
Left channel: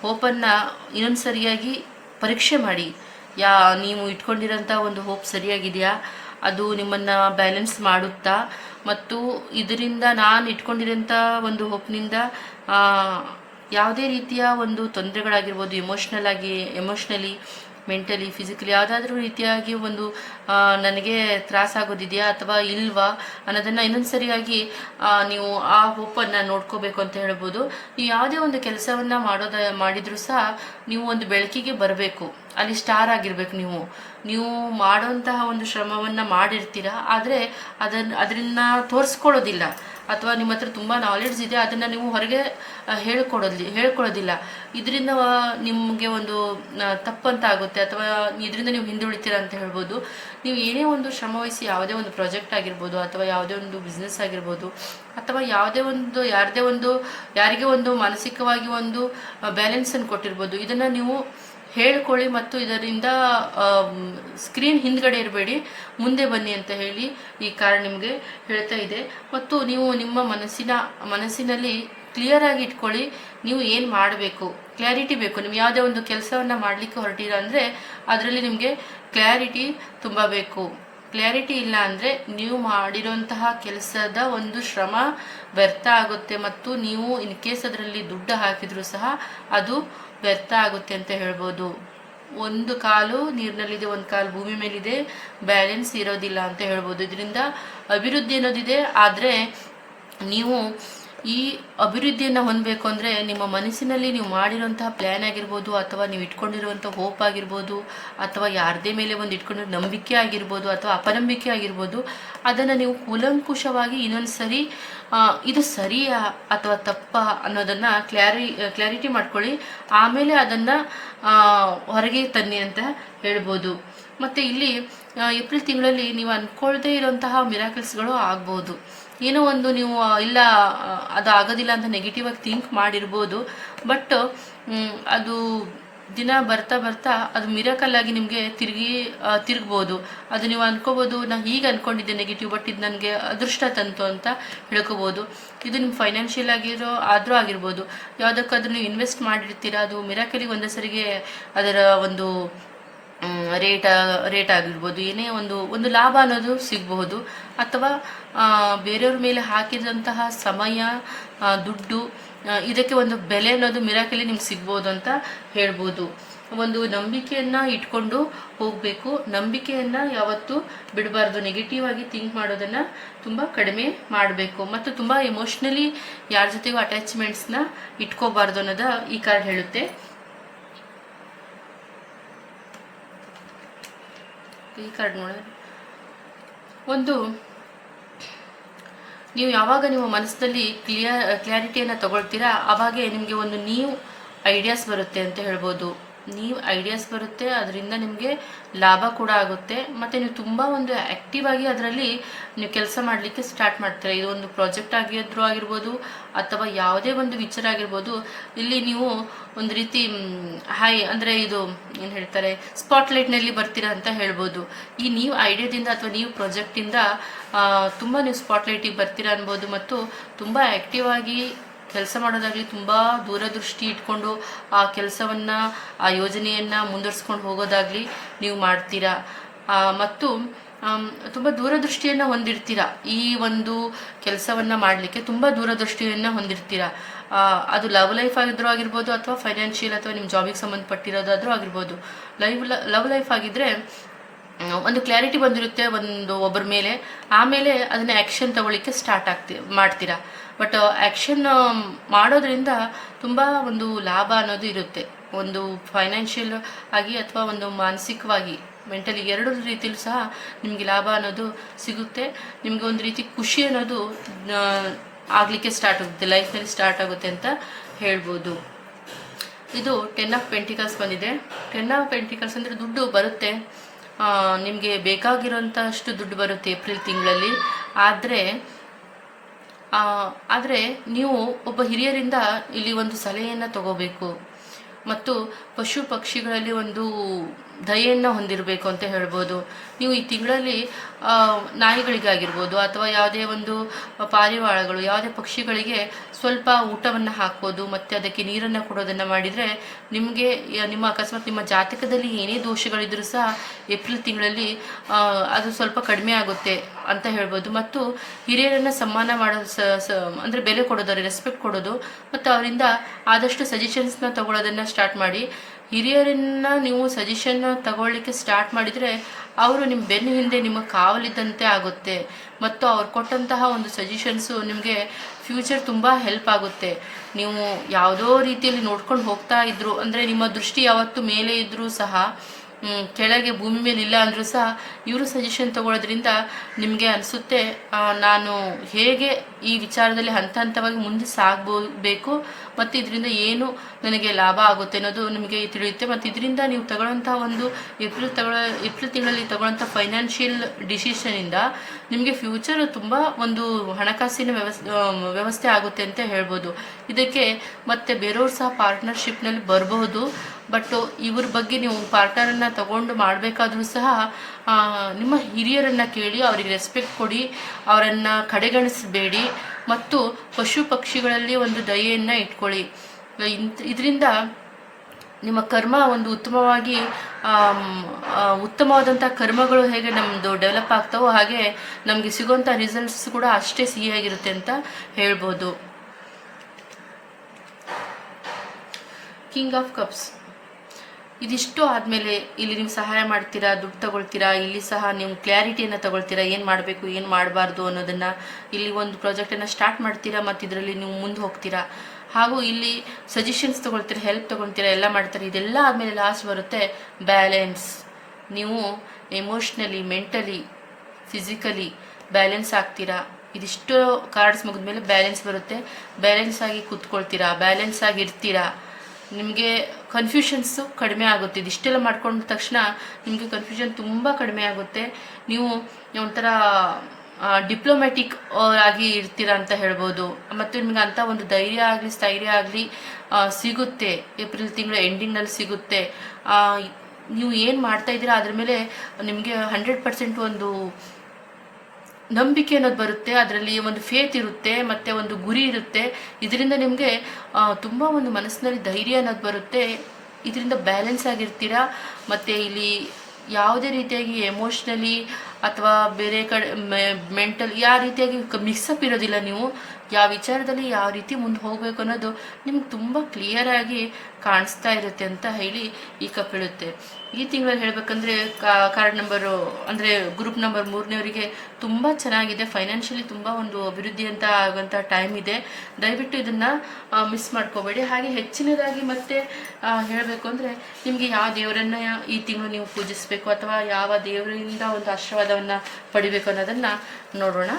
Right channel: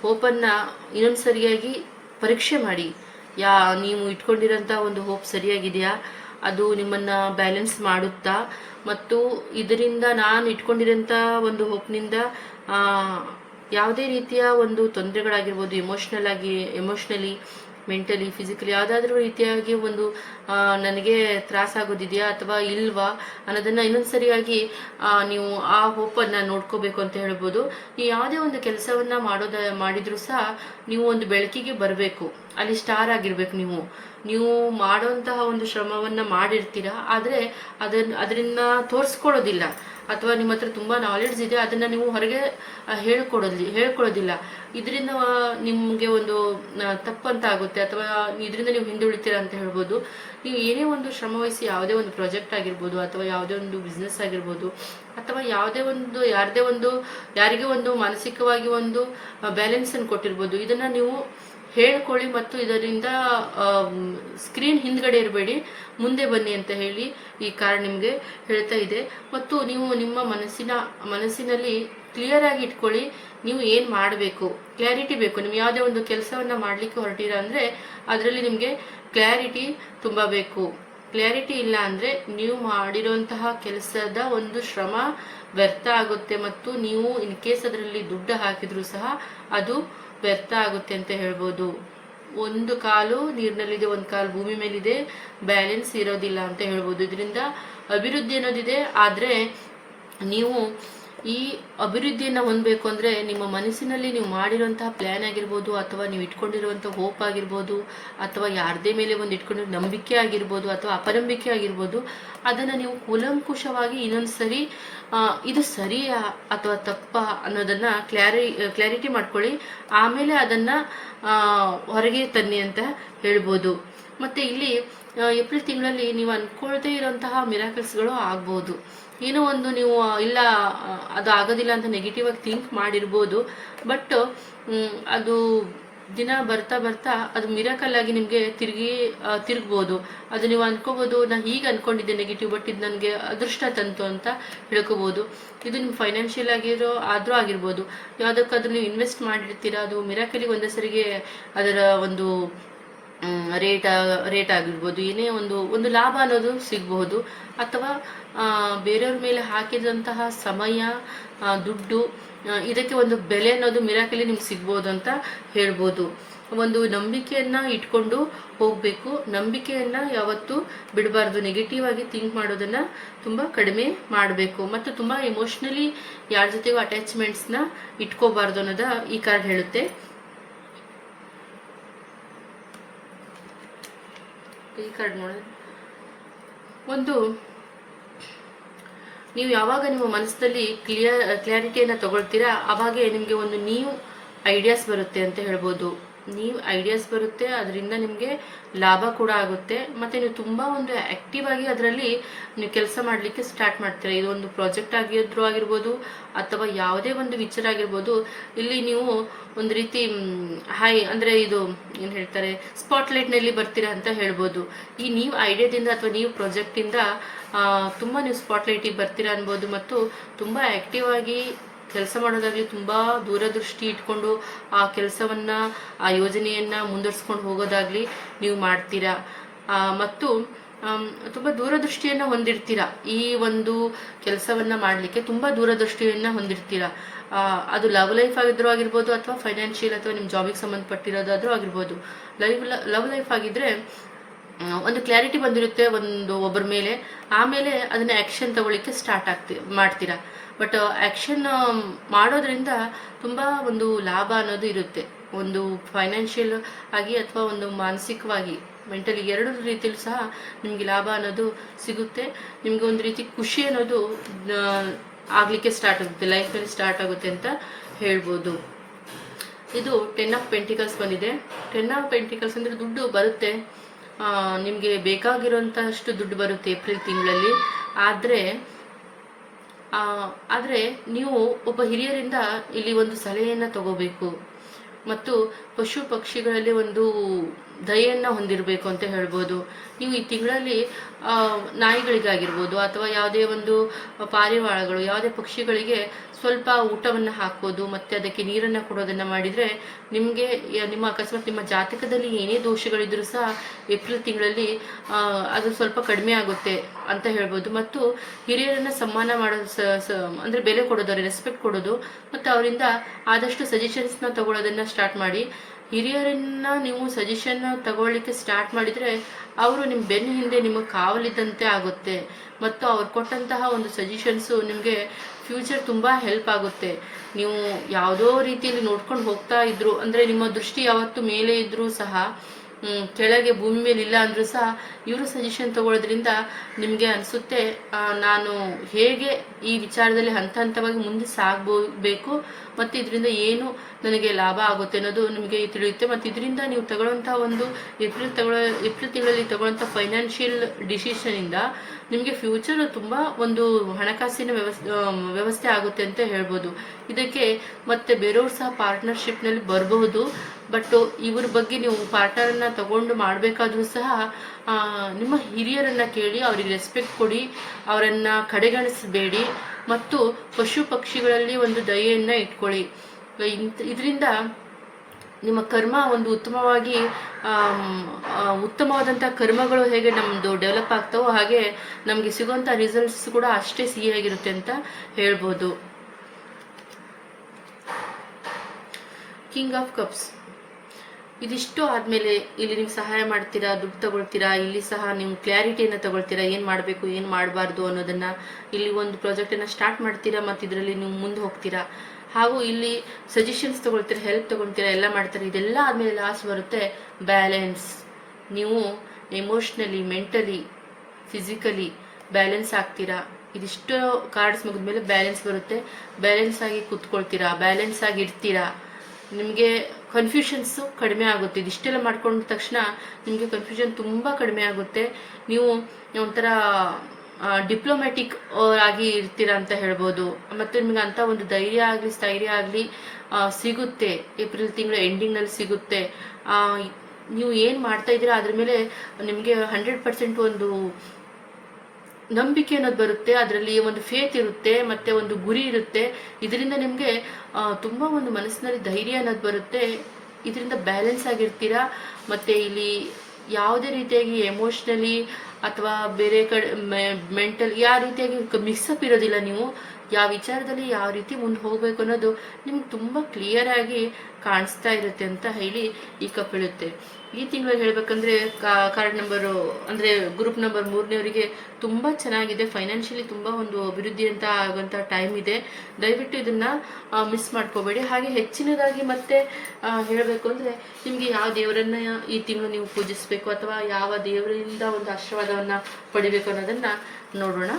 ಹೋಪನ್ನು ಇನ್ನೊಂದು ಸರಿಯಾಗಿ ಪರೀಕ್ಷೆ ಮಾಡಿ. ನೀವು ಇಟ್ಕೊಂಡಿರೋಂಥ ಒಂದು ಹೋಪ್ ಸರಿಯಾಗಿದೆಯಾ, ಅದು ನಿಮ್ಮನ್ನು ಬ್ಯಾಲೆನ್ಸ್ ಮಾಡುತ್ತಾ, ಮತ್ತು ಇದರಿಂದ ನಾನು ಇಟ್ಕೊಂಡಿರೋಂಥ ಒಂದು ಹೋಪ್ನಿಂದ ಯಾವುದೇ ರೀತಿಯ ಒಂದು ತೊಂದರೆಗಳಾಗಿರ್ಬೋದು, ಎಮೋಷ್ನಲಿ ಮೆಂಟಲಿ ಫಿಸಿಕಲಿ ಯಾವುದಾದ್ರೂ ರೀತಿಯಾಗಿ ಒಂದು ನನಗೆ ತ್ರಾಸಾಗೋದಿದೆಯಾ ಅಥವಾ ಇಲ್ವಾ ಅನ್ನೋದನ್ನು ಇನ್ನೊಂದು ಸರಿಯಾಗಿ ನೀವು ಆ ಹೋಪನ್ನು ನೋಡ್ಕೋಬೇಕು ಅಂತ ಹೇಳ್ಬೋದು. ನೀವು ಯಾವುದೇ ಒಂದು ಕೆಲಸವನ್ನು ಮಾಡಿದರೂ ಸಹ ನೀವು ಒಂದು ಬೆಳಕಿಗೆ ಬರಬೇಕು, ಅಲ್ಲಿ ಸ್ಟಾರ್ ಆಗಿರ್ಬೇಕು. ನೀವು ಮಾಡುವಂತಹ ಒಂದು ಶ್ರಮವನ್ನು ಮಾಡಿರ್ತೀರ, ಆದರೆ ಅದನ್ನ ತೋರಿಸ್ಕೊಳ್ಳೋದಿಲ್ಲ. ಅಥವಾ ನಿಮ್ಮ ಹತ್ರ ತುಂಬ ನಾಲೆಡ್ಜ್ ಇದೆ, ಅದನ್ನು ನೀವು ಹೊರಗೆ ಹೇಳ್ಕೊಳ್ಳೋದಿಲ್ಲ. ಇದರಿಂದ ನಿಮಗೆ ಒಂದು ತಪ್ಪಂತ ಆಗುತ್ತೆ, ಅಥವಾ ಇದರಿಂದ ನೀವು ಹಿಂದುಳಿತೀರ ಅಂತ ಹೇಳ್ಬೋದು. ನೀವು ಏನೇ ಒಂದು ಶ್ರಮವಹಿಸಿ ಯಾವುದೇ ಒಂದು ಪ್ರಾಜೆಕ್ಟ್ ಆಗಿರ್ಬೋದು, ಅಥವಾ ಯಾವುದೇ ಒಂದು ಬಿಸ್ನೆಸ್ ಆಗಿರ್ಬೋದು, ಅಥವಾ ಯಾರಿಗೆ ಒಂದು ಮಾನಸಿಕವಾಗಿ ಒಂದು ಬ್ಯಾಲೆನ್ಸನ್ನು ಕೊಟ್ಟಿರ್ಬೋದು, ಇದನ್ನು ನೀವು ಹೇಳ್ಕೊಳ್ಳಿ. ಮತ್ತು ಇದರಿಂದ ಸ್ಕ್ರೀನ್ ಹಿಂದ್ಗಡೆ ಇರಬೇಡಿ, ಮುಂದೆ ಬನ್ನಿ ಅಂತ ಹೇಳಿ ಈ ಕಾರ್ಡ್ ನಿಮಗೆ ಹೇಳ್ತಾ ಇದೆ. ಮತ್ತು ನೀವು ನಿಮ್ಮ ಮನಸ್ಸಿನಲ್ಲಿ ಕ್ಲಿಯರ್ ಆಗಿ ಇಟ್ಕೊಳ್ಳಿ, ನೀವು ಏನು ಮಾಡಬೇಕು, ಕ್ಲಾರಿಟಿ ಬೇಕು. ನೀವು ಯಾವುದೇ ಒಂದು ಕೆಲಸವನ್ನು ಮಾಡಲಿಕ್ಕೆ ಹೊರಟಿರ ಅಂದರೆ ಅದರಲ್ಲಿ ನಿಮಗೆ ಕ್ಲಾರಿಟಿ ತುಂಬ ಬೇಕು. ಕ್ಲಾರಿಟಿ ಇಲ್ಲ ಅಂದರೆ ನೀವು ಮಾಡಿರೋಂತಹ ಕೆಲಸದ ಒಂದು ಶ್ರಮ ವ್ಯರ್ಥ ಆಗುತ್ತೆ, ಮತ್ತು ನೀವು ಇನ್ ಕೇಸ್ ಅದರಲ್ಲಿ ದುಡ್ಡು ಹಾಕಿದರೂ ಸಹ ಅದು ವ್ಯರ್ಥ ಆಗುತ್ತೆ ಅಂತ ಹೇಳ್ಬೋದು. ಒಂದು ಕಾಲು ನೀರಿನಲ್ಲಿದೆ, ಒಂದು ಕಾಲು ಭೂಮಿ ಮೇಲಿದೆ, ಬ್ಯಾಲೆನ್ಸ್ ಇರೋದಿಲ್ಲ ಅಂತ ಹೇಳ್ಬೋದು. ಇದರಿಂದ ಅಭಿವೃದ್ಧಿ ಅನ್ನೋದಿದೆ, ಆದರೆ ನೀವು ಈ ಅಭಿವೃದ್ಧಿಯನ್ನು ಹೊಂದಬೇಕು ಅಂದರೆ ನಿಮ್ಮ ಮನಸ್ಸಿನಲ್ಲಿ ನೀವು ಮಾಡಿರುವಂತಹ ಪ್ಲ್ಯಾನ್ ಆಗಿರ್ಬೋದು, ಅಥವಾ ನೀವು ಇಟ್ಕೊಂಡಿರುವಂಥ ಹೋಪ್ ಆಗಿರ್ಬೋದು, ಅಥವಾ ಯಾರದೇ ಮೇಲೆ ಒಂದು ಇಟ್ಕೊಂಡಿರೋ ನಂಬಿಕೆ ಆಗಿರ್ಬೋದು, ಅಥವಾ ಅಪನಂಬಿಕೆ ಆಗಿರ್ಬೋದು, ಅದನ್ನು ನೀವು ಕೂಲಂಕುಷವಾಗಿ ಇನ್ನೊಂದು ಸರಿ ಇದು ಸರಿಯಾ ಅಥವಾ ತಪ್ಪಾ ಅನ್ನೋದನ್ನು ಕ್ಲಾರಿಟಿ ಮಾಡ್ಕೊಳ್ಳಿ. ಆಮೇಲೆ ಅದನ್ನು ಹೊರಗೆ ತನ್ನಿ ಅಂತ ಹೇಳ್ಬೋದು. ಮತ್ತು ಇಲ್ಲಿ ಏಪ್ರಿಲ್ ತಿಂಗಳಲ್ಲಿ ನೀವು ಅಂದ್ಕೊಳ್ದೇ ಇರುವಂತಹ ಮಿರಾಕಲ್ಸ್ಗಳು ಆಗ್ಬೋದು. ಏನೋ ಒಂದು ನೀವು ಇಲ್ಲ ಅದು ಆಗೋದಿಲ್ಲ ಅಂತ ನೆಗೆಟಿವ್ ಆಗಿ ಥಿಂಕ್ ಮಾಡಿರ್ಬೋದು, ಬಟ್ ಅದು ದಿನ ಬರ್ತಾ ಬರ್ತಾ ಅದು ಮಿರಾಕಲ್ ಆಗಿ ನಿಮಗೆ ತಿರುಗ್ಬೋದು. ಅದು ನೀವು ಅನ್ಕೋಬೋದು, ನಾನು ಹೀಗೆ ಅಂದ್ಕೊಂಡಿದ್ದೆ ನೆಗೆಟಿವ್, ಬಟ್ ಇದು ನನಗೆ ಅದೃಷ್ಟ ತಂತು ಅಂತ ಹೇಳ್ಕೋಬೋದು. ಇದು ನಿಮ್ಮ ಫೈನಾನ್ಷಿಯಲ್ ಆದರೂ ಆಗಿರ್ಬೋದು, ಯಾವುದಕ್ಕಾದ್ರೂ ನೀವು ಇನ್ವೆಸ್ಟ್ ಮಾಡಿರ್ತೀರ, ಅದು ಮಿರಾಕಲಿಗೆ ಒಂದೇ ಸರಿಗೆ ಅದರ ಒಂದು ರೇಟ್ ಆಗಿರ್ಬೋದು, ಏನೇ ಒಂದು ಲಾಭ ಅನ್ನೋದು ಸಿಗಬಹುದು. ಅಥವಾ ಬೇರೆಯವ್ರ ಮೇಲೆ ಹಾಕಿದಂತಹ ಸಮಯ, ದುಡ್ಡು, ಇದಕ್ಕೆ ಒಂದು ಬೆಲೆ ಅನ್ನೋದು ಮಿರಾಕಲಿ ನಿಮ್ಗೆ ಸಿಗ್ಬೋದು ಅಂತ ಹೇಳ್ಬೋದು. ಒಂದು ನಂಬಿಕೆಯನ್ನು ಇಟ್ಕೊಂಡು ಹೋಗಬೇಕು. ನಂಬಿಕೆಯನ್ನು ಯಾವತ್ತೂ ಬಿಡಬಾರ್ದು. ನೆಗೆಟಿವ್ ಆಗಿ ಥಿಂಕ್ ಮಾಡೋದನ್ನು ತುಂಬ ಕಡಿಮೆ ಮಾಡಬೇಕು. ಮತ್ತು ತುಂಬ ಎಮೋಷ್ನಲಿ ಯಾರ ಜೊತೆಗೂ ಅಟ್ಯಾಚ್ಮೆಂಟ್ಸ್ನ ಇಟ್ಕೋಬಾರ್ದು ಅನ್ನೋದ ಈ ಕಾರ್ಡ್ ಹೇಳುತ್ತೆ. ಈ ಕಾರ್ಡ್ ನೋಡಿದ್ರೆ ನೀವು ಯಾವಾಗ ನಿಮ್ಮ ಮನಸ್ಸಿನಲ್ಲಿ ಕ್ಲಾರಿಟಿಯನ್ನು ತಗೊಳ್ತೀರಾ, ಅವಾಗೇ ನಿಮಗೆ ಒಂದು ನ್ಯೂ ಐಡಿಯಾಸ್ ಬರುತ್ತೆ ಅಂತ ಹೇಳ್ಬೋದು. ಅದರಿಂದ ನಿಮಗೆ ಲಾಭ ಕೂಡ ಆಗುತ್ತೆ. ಮತ್ತು ನೀವು ತುಂಬ ಒಂದು ಆ್ಯಕ್ಟಿವ್ ಆಗಿ ಅದರಲ್ಲಿ ನೀವು ಕೆಲಸ ಮಾಡಲಿಕ್ಕೆ ಸ್ಟಾರ್ಟ್ ಮಾಡ್ತೀರಾ. ಇದು ಒಂದು ಪ್ರಾಜೆಕ್ಟ್ ಆಗಿರ್ಬೋದು, ಅಥವಾ ಯಾವುದೇ ಒಂದು ವಿಚಾರ ಆಗಿರ್ಬೋದು. ಇಲ್ಲಿ ನೀವು ಒಂದು ರೀತಿ ಅಂದರೆ ಇದು ಏನು ಹೇಳ್ತಾರೆ, ಸ್ಪಾಟ್ಲೈಟ್ನಲ್ಲಿ ಬರ್ತೀರಾ ಅಂತ ಹೇಳ್ಬೋದು. ಈ ನೀವು ಐಡಿಯಾದಿಂದ ಅಥವಾ ನೀವು ಪ್ರಾಜೆಕ್ಟಿಂದ ತುಂಬ ನೀವು ಸ್ಪಾಟ್ಲೈಟಿಗೆ ಬರ್ತೀರಾ ಅನ್ಬೋದು. ಮತ್ತು ತುಂಬ ಆ್ಯಕ್ಟಿವ್ ಆಗಿ ಕೆಲಸ ಮಾಡೋದಾಗಲಿ, ತುಂಬ ದೂರದೃಷ್ಟಿ ಇಟ್ಕೊಂಡು ಆ ಕೆಲಸವನ್ನು, ಆ ಯೋಜನೆಯನ್ನು ಮುಂದುವರಿಸ್ಕೊಂಡು ಹೋಗೋದಾಗಲಿ ನೀವು ಮಾಡ್ತೀರಾ. ಮತ್ತು ತುಂಬ ದೂರದೃಷ್ಟಿಯನ್ನು ಹೊಂದಿರ್ತೀರ. ಈ ಒಂದು ಕೆಲಸವನ್ನು ಮಾಡಲಿಕ್ಕೆ ತುಂಬ ದೂರದೃಷ್ಟಿಯನ್ನು ಹೊಂದಿರ್ತೀರ. ಅದು ಲವ್ ಲೈಫ್ ಆಗಿದ್ರೂ ಆಗಿರ್ಬೋದು, ಅಥವಾ ಫೈನಾನ್ಷಿಯಲ್ ಅಥವಾ ನಿಮ್ಮ ಜಾಬಿಗೆ ಸಂಬಂಧಪಟ್ಟಿರೋದಾದರೂ ಆಗಿರ್ಬೋದು. ಲವ್ ಲೈಫ್ ಆಗಿದ್ದರೆ ಒಂದು ಕ್ಲಾರಿಟಿ ಬಂದಿರುತ್ತೆ ಒಬ್ಬರ ಮೇಲೆ, ಆಮೇಲೆ ಅದನ್ನ ಆ್ಯಕ್ಷನ್ ತಗೊಳ್ಳಿಕ್ಕೆ ಮಾಡ್ತೀರಾ. ಬಟ್ ಆ್ಯಕ್ಷನ್ ಮಾಡೋದ್ರಿಂದ ತುಂಬ ಒಂದು ಲಾಭ ಅನ್ನೋದು ಇರುತ್ತೆ, ಒಂದು ಫೈನಾನ್ಷಿಯಲ್ ಆಗಿ ಅಥವಾ ಒಂದು ಮಾನಸಿಕವಾಗಿ ಮೆಂಟಲಿ ಎರಡು ರೀತಿಯಲ್ಲೂ ಸಹ ನಿಮಗೆ ಲಾಭ ಅನ್ನೋದು ಸಿಗುತ್ತೆ. ನಿಮಗೆ ಒಂದು ರೀತಿ ಖುಷಿ ಅನ್ನೋದು ಆಗಲಿಕ್ಕೆ ಸ್ಟಾರ್ಟ್ ಆಗುತ್ತೆ, ಲೈಫ್ನಲ್ಲಿ ಸ್ಟಾರ್ಟ್ ಆಗುತ್ತೆ ಅಂತ ಹೇಳ್ಬೋದು. ಇದು 10 ಆಫ್ ಪೆಂಟಿಕಲ್ಸ್ ಬಂದಿದೆ. 10 ಆಫ್ ಪೆಂಟಿಕಲ್ಸ್ ಅಂದರೆ ದುಡ್ಡು ಬರುತ್ತೆ, ನಿಮಗೆ ಬೇಕಾಗಿರೋಂಥಷ್ಟು ದುಡ್ಡು ಬರುತ್ತೆ ಏಪ್ರಿಲ್ ತಿಂಗಳಲ್ಲಿ. ಆದರೆ ನೀವು ಒಬ್ಬ ಹಿರಿಯರಿಂದ ಇಲ್ಲಿ ಒಂದು ಸಲಹೆಯನ್ನು ತಗೋಬೇಕು ಮತ್ತು ಪಶು ಪಕ್ಷಿಗಳಲ್ಲಿ ಒಂದು ದಯೆಯನ್ನು ಹೊಂದಿರಬೇಕು ಅಂತ ಹೇಳ್ಬೋದು. ನೀವು ಈ ತಿಂಗಳಲ್ಲಿ ನಾಯಿಗಳಿಗಾಗಿರ್ಬೋದು ಅಥವಾ ಯಾವುದೇ ಒಂದು ಪಾರಿವಾಳಗಳು, ಯಾವುದೇ ಪಕ್ಷಿಗಳಿಗೆ ಸ್ವಲ್ಪ ಊಟವನ್ನು ಹಾಕ್ಬೋದು ಮತ್ತು ಅದಕ್ಕೆ ನೀರನ್ನು ಕೊಡೋದನ್ನು ಮಾಡಿದರೆ ನಿಮಗೆ ಅಕಸ್ಮಾತ್ ನಿಮ್ಮ ಜಾತಕದಲ್ಲಿ ಏನೇ ದೋಷಗಳಿದ್ರೂ ಸಹ ಏಪ್ರಿಲ್ ತಿಂಗಳಲ್ಲಿ ಅದು ಸ್ವಲ್ಪ ಕಡಿಮೆ ಆಗುತ್ತೆ ಅಂತ ಹೇಳ್ಬೋದು. ಮತ್ತು ಹಿರಿಯರನ್ನು ಸನ್ಮಾನ ಮಾಡೋದು ಅಂದರೆ ಬೆಲೆ ಕೊಡೋದು, ಅವ್ರಿಗೆ ರೆಸ್ಪೆಕ್ಟ್ ಕೊಡೋದು ಮತ್ತು ಅವರಿಂದ ಆದಷ್ಟು ಸಜೆಷನ್ಸ್ನ ತಗೊಳ್ಳೋದನ್ನು ಸ್ಟಾರ್ಟ್ ಮಾಡಿ. ಹಿರಿಯರನ್ನ ನೀವು ಸಜೆಷನ್ನ ತಗೊಳ್ಳಿಕ್ಕೆ ಸ್ಟಾರ್ಟ್ ಮಾಡಿದರೆ ಅವರು ನಿಮ್ಮ ಬೆನ್ನ ಹಿಂದೆ ನಿಮಗೆ ಕಾವಲಿದ್ದಂತೆ ಆಗುತ್ತೆ ಮತ್ತು ಅವ್ರು ಕೊಟ್ಟಂತಹ ಒಂದು ಸಜೆಷನ್ಸು ನಿಮಗೆ ಫ್ಯೂಚರ್ ತುಂಬ ಹೆಲ್ಪ್ ಆಗುತ್ತೆ. ನೀವು ಯಾವುದೋ ರೀತಿಯಲ್ಲಿ ನೋಡ್ಕೊಂಡು ಹೋಗ್ತಾ ಇದ್ರು ಅಂದರೆ ನಿಮ್ಮ ದೃಷ್ಟಿ ಯಾವತ್ತೂ ಮೇಲೆ ಇದ್ದರೂ ಸಹ ಕೆಳಗೆ ಭೂಮಿ ಮೇಲೆ ಇಲ್ಲ ಅಂದರೂ ಸಹ ಇವರು ಸಜೆಷನ್ ತಗೊಳ್ಳೋದ್ರಿಂದ ನಿಮಗೆ ಅನಿಸುತ್ತೆ ನಾನು ಹೇಗೆ ಈ ವಿಚಾರದಲ್ಲಿ ಹಂತ ಹಂತವಾಗಿ ಮುಂದೆ ಸಾಗಬೇಕು ಮತ್ತು ಇದರಿಂದ ಏನು ನನಗೆ ಲಾಭ ಆಗುತ್ತೆ ಅನ್ನೋದು ನಿಮಗೆ ತಿಳಿಯುತ್ತೆ. ಮತ್ತು ಇದರಿಂದ ನೀವು ತಗೊಳ್ಳೋಂಥ ಒಂದು ಏಪ್ರಿಲ್ ತಿಂಗಳಲ್ಲಿ ತಗೊಳ್ಳೋಂಥ ಫೈನಾನ್ಷಿಯಲ್ ಡಿಸಿಷನಿಂದ ನಿಮಗೆ ಫ್ಯೂಚರ್ ತುಂಬ ಒಂದು ಹಣಕಾಸಿನ ವ್ಯವಸ್ಥೆ ಆಗುತ್ತೆ ಅಂತ ಹೇಳ್ಬೋದು. ಇದಕ್ಕೆ ಮತ್ತೆ ಬೇರೆಯವ್ರು ಸಹ ಪಾರ್ಟ್ನರ್ಶಿಪ್ನಲ್ಲಿ ಬರಬಹುದು. ಬಟ್ ಇವ್ರ ಬಗ್ಗೆ ನೀವು ಪಾರ್ಟ್ನರನ್ನು ತಗೊಂಡು ಮಾಡಬೇಕಾದ್ರೂ ಸಹ ನಿಮ್ಮ ಹಿರಿಯರನ್ನು ಕೇಳಿ, ಅವರಿಗೆ ರೆಸ್ಪೆಕ್ಟ್ ಕೊಡಿ, ಅವರನ್ನು ಕಡೆಗಣಿಸಬೇಡಿ ಮತ್ತು ಪಶು ಪಕ್ಷಿಗಳಲ್ಲಿ ಒಂದು ದಯೆಯನ್ನು ಇಟ್ಕೊಳ್ಳಿ. ಇದರಿಂದ ನಿಮ್ಮ ಕರ್ಮ ಒಂದು ಉತ್ತಮವಾದಂಥ ಕರ್ಮಗಳು ಹೇಗೆ ನಮ್ಮದು ಡೆವಲಪ್ ಆಗ್ತಾವೋ ಹಾಗೆ ನಮಗೆ ಸಿಗುವಂಥ ರಿಸಲ್ಟ್ಸ್ ಕೂಡ ಅಷ್ಟೇ ಸಿಹಿಯಾಗಿರುತ್ತೆ ಅಂತ ಹೇಳ್ಬೋದು. ಕಿಂಗ್ ಆಫ್ ಕಪ್ಸ್ ಇದಿಷ್ಟು ಆದಮೇಲೆ ಇಲ್ಲಿ ನೀವು ಸಹಾಯ ಮಾಡ್ತೀರಾ, ದುಡ್ಡು ತಗೊಳ್ತೀರಾ, ಇಲ್ಲಿ ಸಹ ನೀವು ಕ್ಲಾರಿಟಿಯನ್ನು ತಗೊಳ್ತೀರಾ, ಏನು ಮಾಡಬೇಕು ಏನು ಮಾಡಬಾರ್ದು ಅನ್ನೋದನ್ನು. ಇಲ್ಲಿ ಒಂದು ಪ್ರಾಜೆಕ್ಟನ್ನು ಸ್ಟಾರ್ಟ್ ಮಾಡ್ತೀರಾ ಮತ್ತು ಇದರಲ್ಲಿ ನೀವು ಮುಂದೆ ಹೋಗ್ತೀರಾ. ಹಾಗೂ ಇಲ್ಲಿ ಸಜೆಷನ್ಸ್ ತೊಗೊಳ್ತೀರಾ, ಹೆಲ್ಪ್ ತೊಗೊಳ್ತೀರಾ, ಎಲ್ಲ ಮಾಡ್ತಾರೆ. ಇದೆಲ್ಲ ಆದಮೇಲೆ ಲಾಸ್ಟ್ ಬರುತ್ತೆ ಬ್ಯಾಲೆನ್ಸ್. ನೀವು ಎಮೋಷ್ನಲಿ, ಮೆಂಟಲಿ, ಫಿಸಿಕಲಿ ಬ್ಯಾಲೆನ್ಸ್ ಆಗ್ತೀರಾ. ಇದಿಷ್ಟು ಕಾರ್ಡ್ಸ್ ಮುಗಿದ್ಮೇಲೆ ಬ್ಯಾಲೆನ್ಸ್ ಬರುತ್ತೆ. ಬ್ಯಾಲೆನ್ಸ್ ಆಗಿ ಕೂತ್ಕೊಳ್ತೀರಾ, ಬ್ಯಾಲೆನ್ಸ್ ಆಗಿ ಇರ್ತೀರಾ. ನಿಮಗೆ ಕನ್ಫ್ಯೂಷನ್ಸು ಕಡಿಮೆ ಆಗುತ್ತೆ. ಇದಿಷ್ಟೆಲ್ಲ ಮಾಡ್ಕೊಂಡ ತಕ್ಷಣ ನಿಮಗೆ ಕನ್ಫ್ಯೂಷನ್ ತುಂಬ ಕಡಿಮೆ ಆಗುತ್ತೆ. ನೀವು ಒಂಥರ ಡಿಪ್ಲೊಮ್ಯಾಟಿಕ್ ಆಗಿ ಇರ್ತೀರಾ ಅಂತ ಹೇಳ್ಬೋದು. ಮತ್ತು ನಿಮಗೆ ಅಂಥ ಒಂದು ಧೈರ್ಯ ಆಗಲಿ ಸ್ಥೈರ್ಯ ಆಗಲಿ ಸಿಗುತ್ತೆ. ಏಪ್ರಿಲ್ ತಿಂಗಳ ಎಂಡಿಂಗ್ನಲ್ಲಿ ಸಿಗುತ್ತೆ. ನೀವು ಏನು ಮಾಡ್ತಾ ಇದ್ದೀರಾ ಅದ್ರ ಮೇಲೆ ನಿಮಗೆ 100% ಒಂದು ನಂಬಿಕೆ ಅನ್ನೋದು ಬರುತ್ತೆ. ಅದರಲ್ಲಿ ಒಂದು ಫೇತ್ ಇರುತ್ತೆ ಮತ್ತು ಒಂದು ಗುರಿ ಇರುತ್ತೆ. ಇದರಿಂದ ನಿಮಗೆ ತುಂಬ ಒಂದು ಮನಸ್ಸಿನಲ್ಲಿ ಧೈರ್ಯ ಅನ್ನೋದು ಬರುತ್ತೆ. ಇದರಿಂದ ಬ್ಯಾಲೆನ್ಸ್ ಆಗಿರ್ತೀರಾ. ಮತ್ತು ಇಲ್ಲಿ ಯಾವುದೇ ರೀತಿಯಾಗಿ ಎಮೋಷ್ನಲಿ ಅಥವಾ ಬೇರೆ ಕಡೆ ಮೆಂಟಲ್ ಯಾವ ರೀತಿಯಾಗಿ ಮಿಕ್ಸಪ್ ಇರೋದಿಲ್ಲ. ನೀವು ಯಾವ ವಿಚಾರದಲ್ಲಿ ಯಾವ ರೀತಿ ಮುಂದೆ ಹೋಗಬೇಕು ಅನ್ನೋದು ನಿಮ್ಗೆ ತುಂಬ ಕ್ಲಿಯರಾಗಿ ಕಾಣಿಸ್ತಾ ಇರುತ್ತೆ ಅಂತ ಹೇಳಿ ಈ ಕಪ್ ಹೇಳುತ್ತೆ. ಈ ತಿಂಗಳಲ್ಲಿ ಹೇಳಬೇಕಂದ್ರೆ ಕಾರ್ಡ್ ನಂಬರು ಅಂದರೆ ಗ್ರೂಪ್ ನಂಬರ್ 3ನೇವರಿಗೆ ತುಂಬ ಚೆನ್ನಾಗಿದೆ. ಫೈನಾನ್ಷಿಯಲಿ ತುಂಬ ಒಂದು ಅಭಿವೃದ್ಧಿ ಅಂತ ಆಗೋಂಥ ಟೈಮ್ ಇದೆ. ದಯವಿಟ್ಟು ಇದನ್ನು ಮಿಸ್ ಮಾಡ್ಕೋಬೇಡಿ. ಹಾಗೆ ಹೆಚ್ಚಿನದಾಗಿ ಮತ್ತೆ ಹೇಳಬೇಕು ಅಂದರೆ ನಿಮಗೆ ಯಾವ ದೇವರನ್ನು ಈ ತಿಂಗಳು ನೀವು ಪೂಜಿಸಬೇಕು ಅಥವಾ ಯಾವ ದೇವರಿಂದ ಒಂದು ಆಶೀರ್ವಾದವನ್ನು ಪಡಿಬೇಕು ಅನ್ನೋದನ್ನು ನೋಡೋಣ.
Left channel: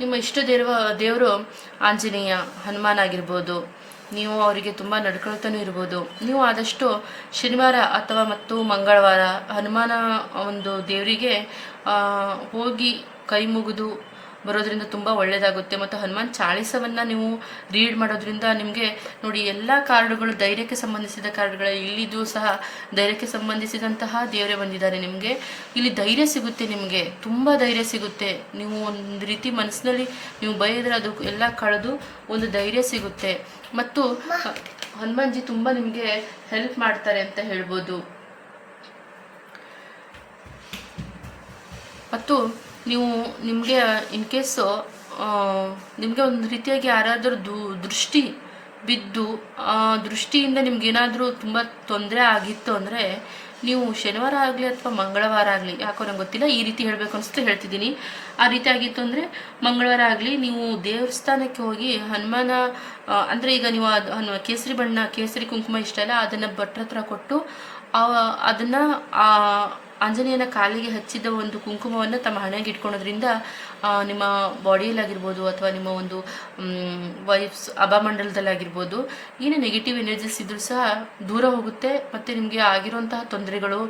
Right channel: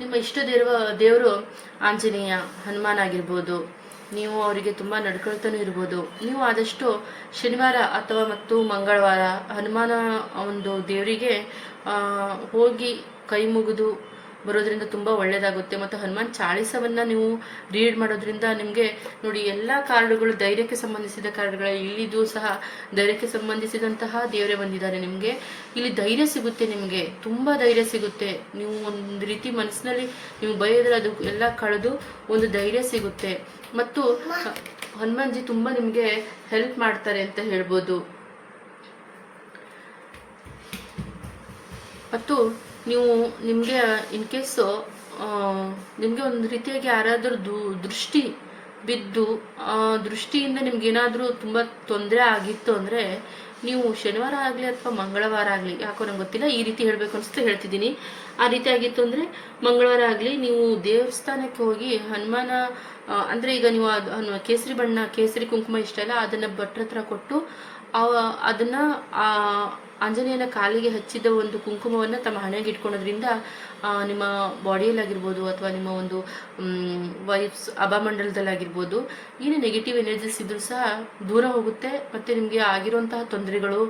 ನಿಮ್ಮ ಇಷ್ಟ ದೇವರು ಆಂಜನೇಯ, ಹನುಮಾನ್ ಆಗಿರ್ಬೋದು. ನೀವು ಅವರಿಗೆ ತುಂಬ ನಡ್ಕೊಳ್ತಾನೂ ಇರ್ಬೋದು. ನೀವು ಆದಷ್ಟು ಶನಿವಾರ ಅಥವಾ ಮತ್ತು ಮಂಗಳವಾರ ಹನುಮಾನ ಒಂದು ದೇವರಿಗೆ ಹೋಗಿ ಕೈ ಮುಗಿದು ಬರೋದ್ರಿಂದ ತುಂಬ ಒಳ್ಳೆಯದಾಗುತ್ತೆ. ಮತ್ತು ಹನುಮಾನ್ ಚಾಳಿಸವನ್ನು ನೀವು ರೀಡ್ ಮಾಡೋದ್ರಿಂದ ನಿಮಗೆ ನೋಡಿ ಎಲ್ಲ ಕಾರ್ಡುಗಳು ಧೈರ್ಯಕ್ಕೆ ಸಂಬಂಧಿಸಿದ ಕಾರ್ಡುಗಳ ಇಲ್ಲಿದು ಸಹ ಧೈರ್ಯಕ್ಕೆ ಸಂಬಂಧಿಸಿದಂತಹ ದೇವರೇ ಬಂದಿದ್ದಾರೆ. ನಿಮಗೆ ಇಲ್ಲಿ ಧೈರ್ಯ ಸಿಗುತ್ತೆ, ನಿಮಗೆ ತುಂಬ ಧೈರ್ಯ ಸಿಗುತ್ತೆ. ನೀವು ಒಂದು ರೀತಿ ಮನಸ್ಸಿನಲ್ಲಿ ನೀವು ಬೈದ್ರೆ ಅದು ಎಲ್ಲ ಕಳೆದು ಒಂದು ಧೈರ್ಯ ಸಿಗುತ್ತೆ. ಮತ್ತು ಹನುಮಾನ್ಜಿ ತುಂಬ ನಿಮಗೆ ಹೆಲ್ಪ್ ಮಾಡ್ತಾರೆ ಅಂತ ಹೇಳ್ಬೋದು. ಮತ್ತು ನೀವು ನಿಮಗೆ ಇನ್ ಕೇಸು ನಿಮಗೆ ಒಂದು ರೀತಿಯಾಗಿ ಯಾರಾದರೂ ದೃಷ್ಟಿ ಬಿದ್ದು ದೃಷ್ಟಿಯಿಂದ ನಿಮ್ಗೇನಾದರೂ ತುಂಬ ತೊಂದರೆ ಆಗಿತ್ತು ಅಂದರೆ ನೀವು ಶನಿವಾರ ಆಗಲಿ ಅಥವಾ ಮಂಗಳವಾರ ಆಗಲಿ, ಯಾಕೋ ನಂಗೆ ಗೊತ್ತಿಲ್ಲ, ಈ ರೀತಿ ಹೇಳಬೇಕು ಅನಿಸ್ತು ಹೇಳ್ತಿದ್ದೀನಿ. ಆ ರೀತಿ ಆಗಿತ್ತು ಅಂದರೆ ಮಂಗಳವಾರ ಆಗಲಿ ನೀವು ದೇವಸ್ಥಾನಕ್ಕೆ ಹೋಗಿ ಹನುಮಾನ ಅಂದರೆ ಈಗ ನೀವು ಕೇಸರಿ ಬಣ್ಣ ಕೇಸರಿ ಕುಂಕುಮ ಇಷ್ಟ ಇಲ್ಲ, ಅದನ್ನು ಭಟ್ರ ಹತ್ರ ಕೊಟ್ಟು ಅದನ್ನು ಆಂಜನೇಯನ ಕಾಲಿಗೆ ಹಚ್ಚಿದ ಒಂದು ಕುಂಕುಮವನ್ನು ತಮ್ಮ ಹಣೆಗೆ ಇಟ್ಕೊಳೋದ್ರಿಂದ ನಿಮ್ಮ ಬಾಡಿಯಲ್ಲಾಗಿರ್ಬೋದು ಅಥವಾ ನಿಮ್ಮ ಒಂದು ವೈಫ್ಸ್ ಅಭಾಮಂಡಲದಲ್ಲಾಗಿರ್ಬೋದು ಏನು ನೆಗೆಟಿವ್ ಎನರ್ಜೀಸ್ ಇದ್ರೂ ಸಹ ದೂರ ಹೋಗುತ್ತೆ. ಮತ್ತು ನಿಮಗೆ ಆಗಿರುವಂತಹ ತೊಂದರೆಗಳು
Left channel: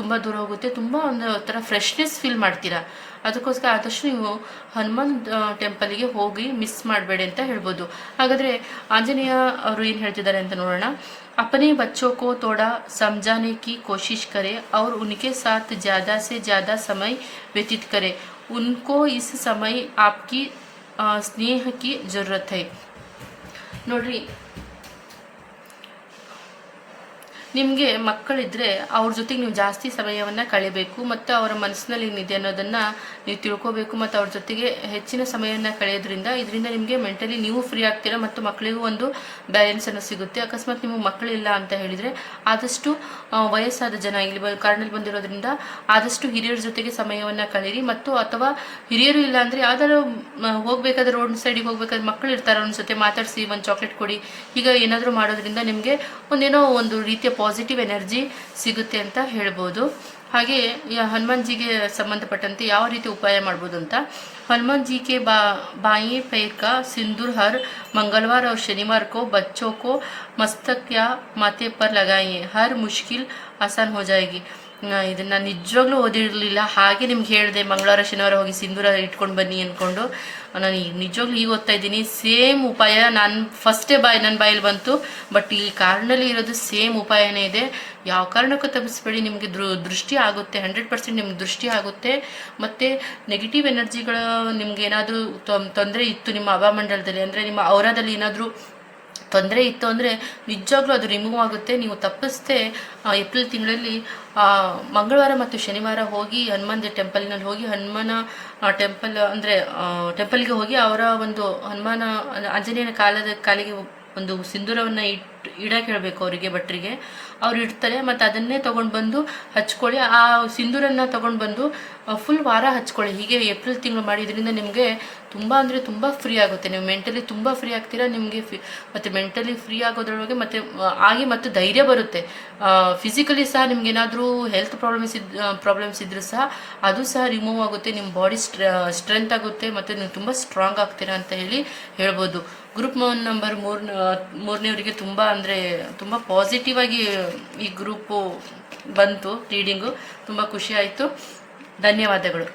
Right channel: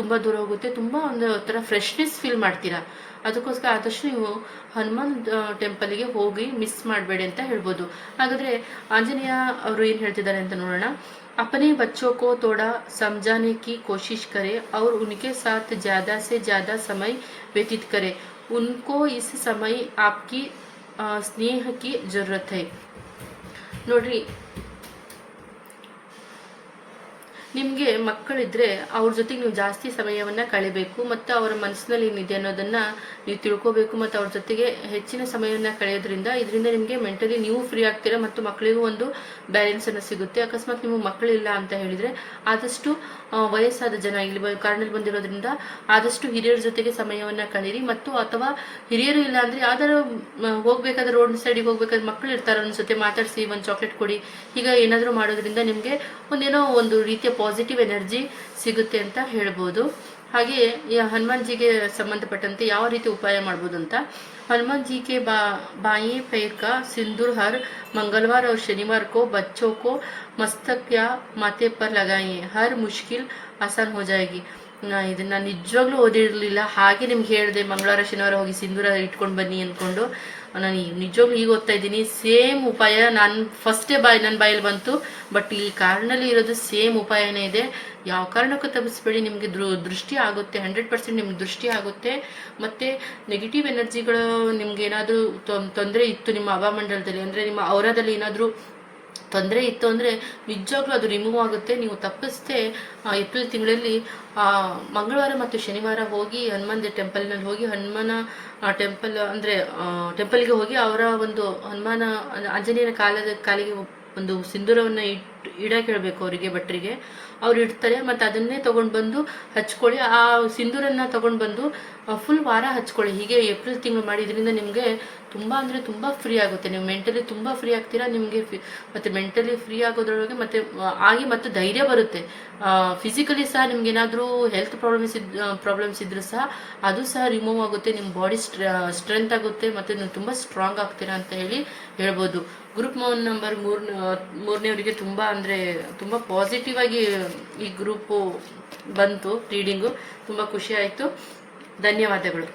ತುಂಬ ದೂರ ಹೋಗುತ್ತೆ. ತುಂಬ ಒಂದು ಥರ ಫ್ರೆಶ್ನೆಸ್ ಫೀಲ್ ಮಾಡ್ತೀರಾ. ಅದಕ್ಕೋಸ್ಕರ ಆದಷ್ಟು ನೀವು ಹನುಮಾನ್ ಟೆಂಪಲ್ಗೆ ಹೋಗಿ ಮಿಸ್ ಮಾಡಬೇಡಿ ಅಂತ ಹೇಳ್ಬೋದು. ಹಾಗಾದರೆ ಆಂಜನೇಯ ಅವರು ಏನು ಹೇಳ್ತಿದ್ದಾರೆ ಅಂತ ನೋಡೋಣ. अपने बच्चों को थोड़ा समझाने की कोशिश करें और उनके साथ ज़्यादा से ज़्यादा समय व्यतीत करें. उनको इस समय आपकी स्नेह की ज़रूरत है. ನೋಡ್ರಿ, ನಿಮಗೆ ಮಕ್ಕಳಿದ್ರೆ ಅವ್ರ ಜೊತೆಗೆ ನೀವು ಜಾಸ್ತಿ ಸಮಯವನ್ನು ಕಳೆಯಬೇಕು ಮತ್ತು ಅವರ ಮನಸ್ಸಿನಲ್ಲಿ ಏನಿದೆ ಅನ್ನೋದನ್ನು ನೀವು ತಿಳ್ಕೋಬೇಕು. ಮತ್ತು ಅವ್ರ ಜೊತೆಗೆ ಹೆಚ್ಚಿನ ಸಮಯವನ್ನು ಕಳೆಯೋದ್ರಿಂದ ಇದರಿಂದ ನಿಮಗೆ ಮೆಂಟಲಿ ನೀವು ಫ್ರೀ ಆಗ್ತೀರಾ ಮತ್ತು ಮಕ್ಕಳಿಗೂ ಒಂದು ಬ್ಯಾಲೆನ್ಸನ್ನು ಸಿಗುತ್ತೆ. ಅಕಸ್ಮಾತ್ ನೀವು ಮಕ್ಕಳಿಲ್ಲ ಅಂತ ಹೇಳಿದರೆ ಆದಷ್ಟು ವಯಸ್ಸಾದ ಜನ ಇಲ್ಲಿ ಕಾರಣದಲ್ಲಿ ಬಂದಿರೋದ್ರಿಂದ ಆದಷ್ಟು ಹಿರಿಯರ ಜೊತೆಗೆ ಸಮಯವನ್ನು ಕಳೀರಿ. ಮತ್ತು ಅಥವಾ ಹಿರಿಯರು ಇಲ್ಲ ಅಂದರೆ ಯಾವ್ದಾದ್ರು ಹೋಗ್ಬೇಕಾದ್ರೆ ರೋಡ್ ಸೈಡಿಗೆ ಹೋಗ್ಬೇಕಾದ್ರೆ ಮಕ್ಕಳು ಇರ್ತಾರೆ, ಅವ್ರ ಜೊತೆ ಮಾತಾಡಿಸಿ ಒಂದು ಚಾಕ್ಲೇಟ್ ಕೊಡಿ. ಈಗ ಏನಾದರೂ ಮಾಡೋದ್ರಿಂದ ನಿಮಗೆ ಒಂದೇನೋ ಒಂದು ರೀತಿಯ ಪಾಸಿಟಿವ್ ಎನರ್ಜಿ ಸಿಗುತ್ತೆ ಅಂತ ಹೇಳ್ಬೋದು. ಹಾಗೆ ಈ ಹನುಮಾನ್ಜಿಗೆ ಸಂಬಂಧಪಟ್ಟಂತೆ ಯಾವ ರೀತಿ ಉಪಾಯ ಮಾಡ್ಬೋದು ಅಂತ, हनुमान जी के बाएं पैर का सिंदूर हर मंगलवार और शनिवार को बच्चों को मस्तक या माथे पर लगाइए. हर मुश्किल आसान हो जाएगी. ಇದನ್ನು ನಿಜವಾಗ್ಲೂ ಓದಿರಲಿಲ್ಲ, ಹಾಗೆ ನಿಮ್ಗೆ ಹೇಳಿದೆ ಮಂಗಳವಾರ ಶನಿವಾರ ಹೋಗಿ ಸಿಂಧೂರ ಇಟ್ಕೊಂಡು ಬನ್ನಿ ಅಂದ್ಕೊಂಡು. ನಾನು ಈಗ ನಿಜವಾಗ್ಲೂ ಈಗ ಓದ್ತಾ ಇದ್ದೀನಿ. ಸೇಮ್ ಉಪಾಯ ನಾನು ಫಸ್ಟೇ ನನ್ನ ಬಾಯಲ್ಲಿ ಬಂತು, ಬಟ್ ಈ ಕಾರ್ಡ್ನಲ್ಲಿ ಇರೋದು ಸೇಮ್ ಉಪಾಯನೇ ಇದೆ. ಯಾವ ಕಾರಣಕ್ಕೂ ತಪ್ಪಿಸ್ಬೇಡಿ, ನಿಮಗೆ ದೃಷ್ಟಿ ಆಗುತ್ತೆ, 100% ನಿಮ್ಗೆ ದೃಷ್ಟಿ ಆಗುತ್ತೆ. ಮತ್ತು ನೆಗೆಟಿವ್ ಎನರ್ಜಿಗಳು ನಿಮ್ಗೆ ಏನಾದರೂ ತೊಂದರೆ ಇತ್ತು ನಿಮ್ಮ ಅಭಾಮಂಡಲದಲ್ಲಿ, ಅಂದರೆ ನಿಮ್ಮ ಔರಾದಲ್ಲಿ ಏನಾದರೂ ತೊಂದರೆ ಇತ್ತು ಅಂದರೆ ನಿಜವಾಗ್ಲೂ ಅದು ರಿಮೂವ್ ಆಗುತ್ತೆ. ನೀವು ತಪ್ಪಿಸ್ದೆ ಏಪ್ರಿಲ್ ತಿಂಗಳಲ್ಲಿ ಮಂಗಳವಾರ ಮತ್ತು ಶನಿವಾರ ಹೋಗಿ ಹನುಮಾನ್ ಟೆಂಪಲ್ನಲ್ಲಿ ಹೋಗಿ ಹನುಮಾನ ಟೆಂಪಲ್ ಅಂದರೆ ಟೆಂಪಲ್ಗೆ ಹೋಗಿ ಅವರ ಒಂದು ಹನುಮಾನ ಆಂಜನೇಯನ ಕಾಲಿಗೆ ಒಂದು ಸಿಂಧೂರವನ್ನು ಇಡಕ್ಕೆ ಹೇಳಬೇಕು ಅವರಿಗೆ, ಭಟ್ರಿಗೆ. ಅವ್ರು ಇಡ್ತಾರೆ. ಮತ್ತು ಅದನ್ನೇ ತೊಗೊಂಡು ಬಂದು ಹಚ್ಕೊಳ್ಳಿ. ಆ ಸಿಂಧೂರನ್ನು ತೊಗೊಂಡು ಬಂದು ಫುಲ್ ವಾರ ಹಚ್ಕೊಳ್ಳಿ. ಹೀಗೆ ಏಪ್ರಿಲ್ ತಿಂಗಳು ಮಾಡಿದ್ರಿಂದ ನಿಮಗೆ ತುಂಬ ಅಂದರೆ ತುಂಬ ಫ್ರೀ ಆಗುತ್ತೆ. ನೀವು ಮೆಂಟಲಿ ತುಂಬ ಫ್ರೀ ಆಗ್ತೀರಾ. ನಿಮಗೆ ಮತ್ತು ಮೆಂಟಲಿ ಫ್ರೀ ಆಗೋದ್ರೊಳಗೆ ಮತ್ತು ಧೈರ್ಯ ಬರುತ್ತೆ. ಫಿಸಿಕಲಿ ಸಹ ನಿಮ್ಗೇನಾದರೂ ಹೆಲ್ತ್ ಪ್ರಾಬ್ಲಮ್ಸ್ ಇದ್ರೂ ಸಹ ಅದು ಸಹ ರಿಮೂವ್ ಆಗುತ್ತೆ. ನಿಮ್ಮ ಬಾಡಿ ಸ್ಟ್ರೆಂತ್ ಆಗುತ್ತೆ ಮತ್ತು ನೀವು ತುಂಬ ಸ್ಟ್ರಾಂಗ್ ಆಗ್ತೀರಾ ಅಂತ ಹೇಳ್ಬೋದು. ಗ್ರೂಪ್ ನಂಬರ್ 3ನೇವರಿಗೆ ತುಂಬ ಅಂದರೆ ತುಂಬ ಪಾಸಿಟಿವ್ ಆಗಿ ಈ ಗ್ರೂಪು ಬಂತು ರೀಡಿಂಗು. ತುಂಬ ಖುಷಿ ಆಯಿತು. ಧನ್ಯವಾದಗಳು.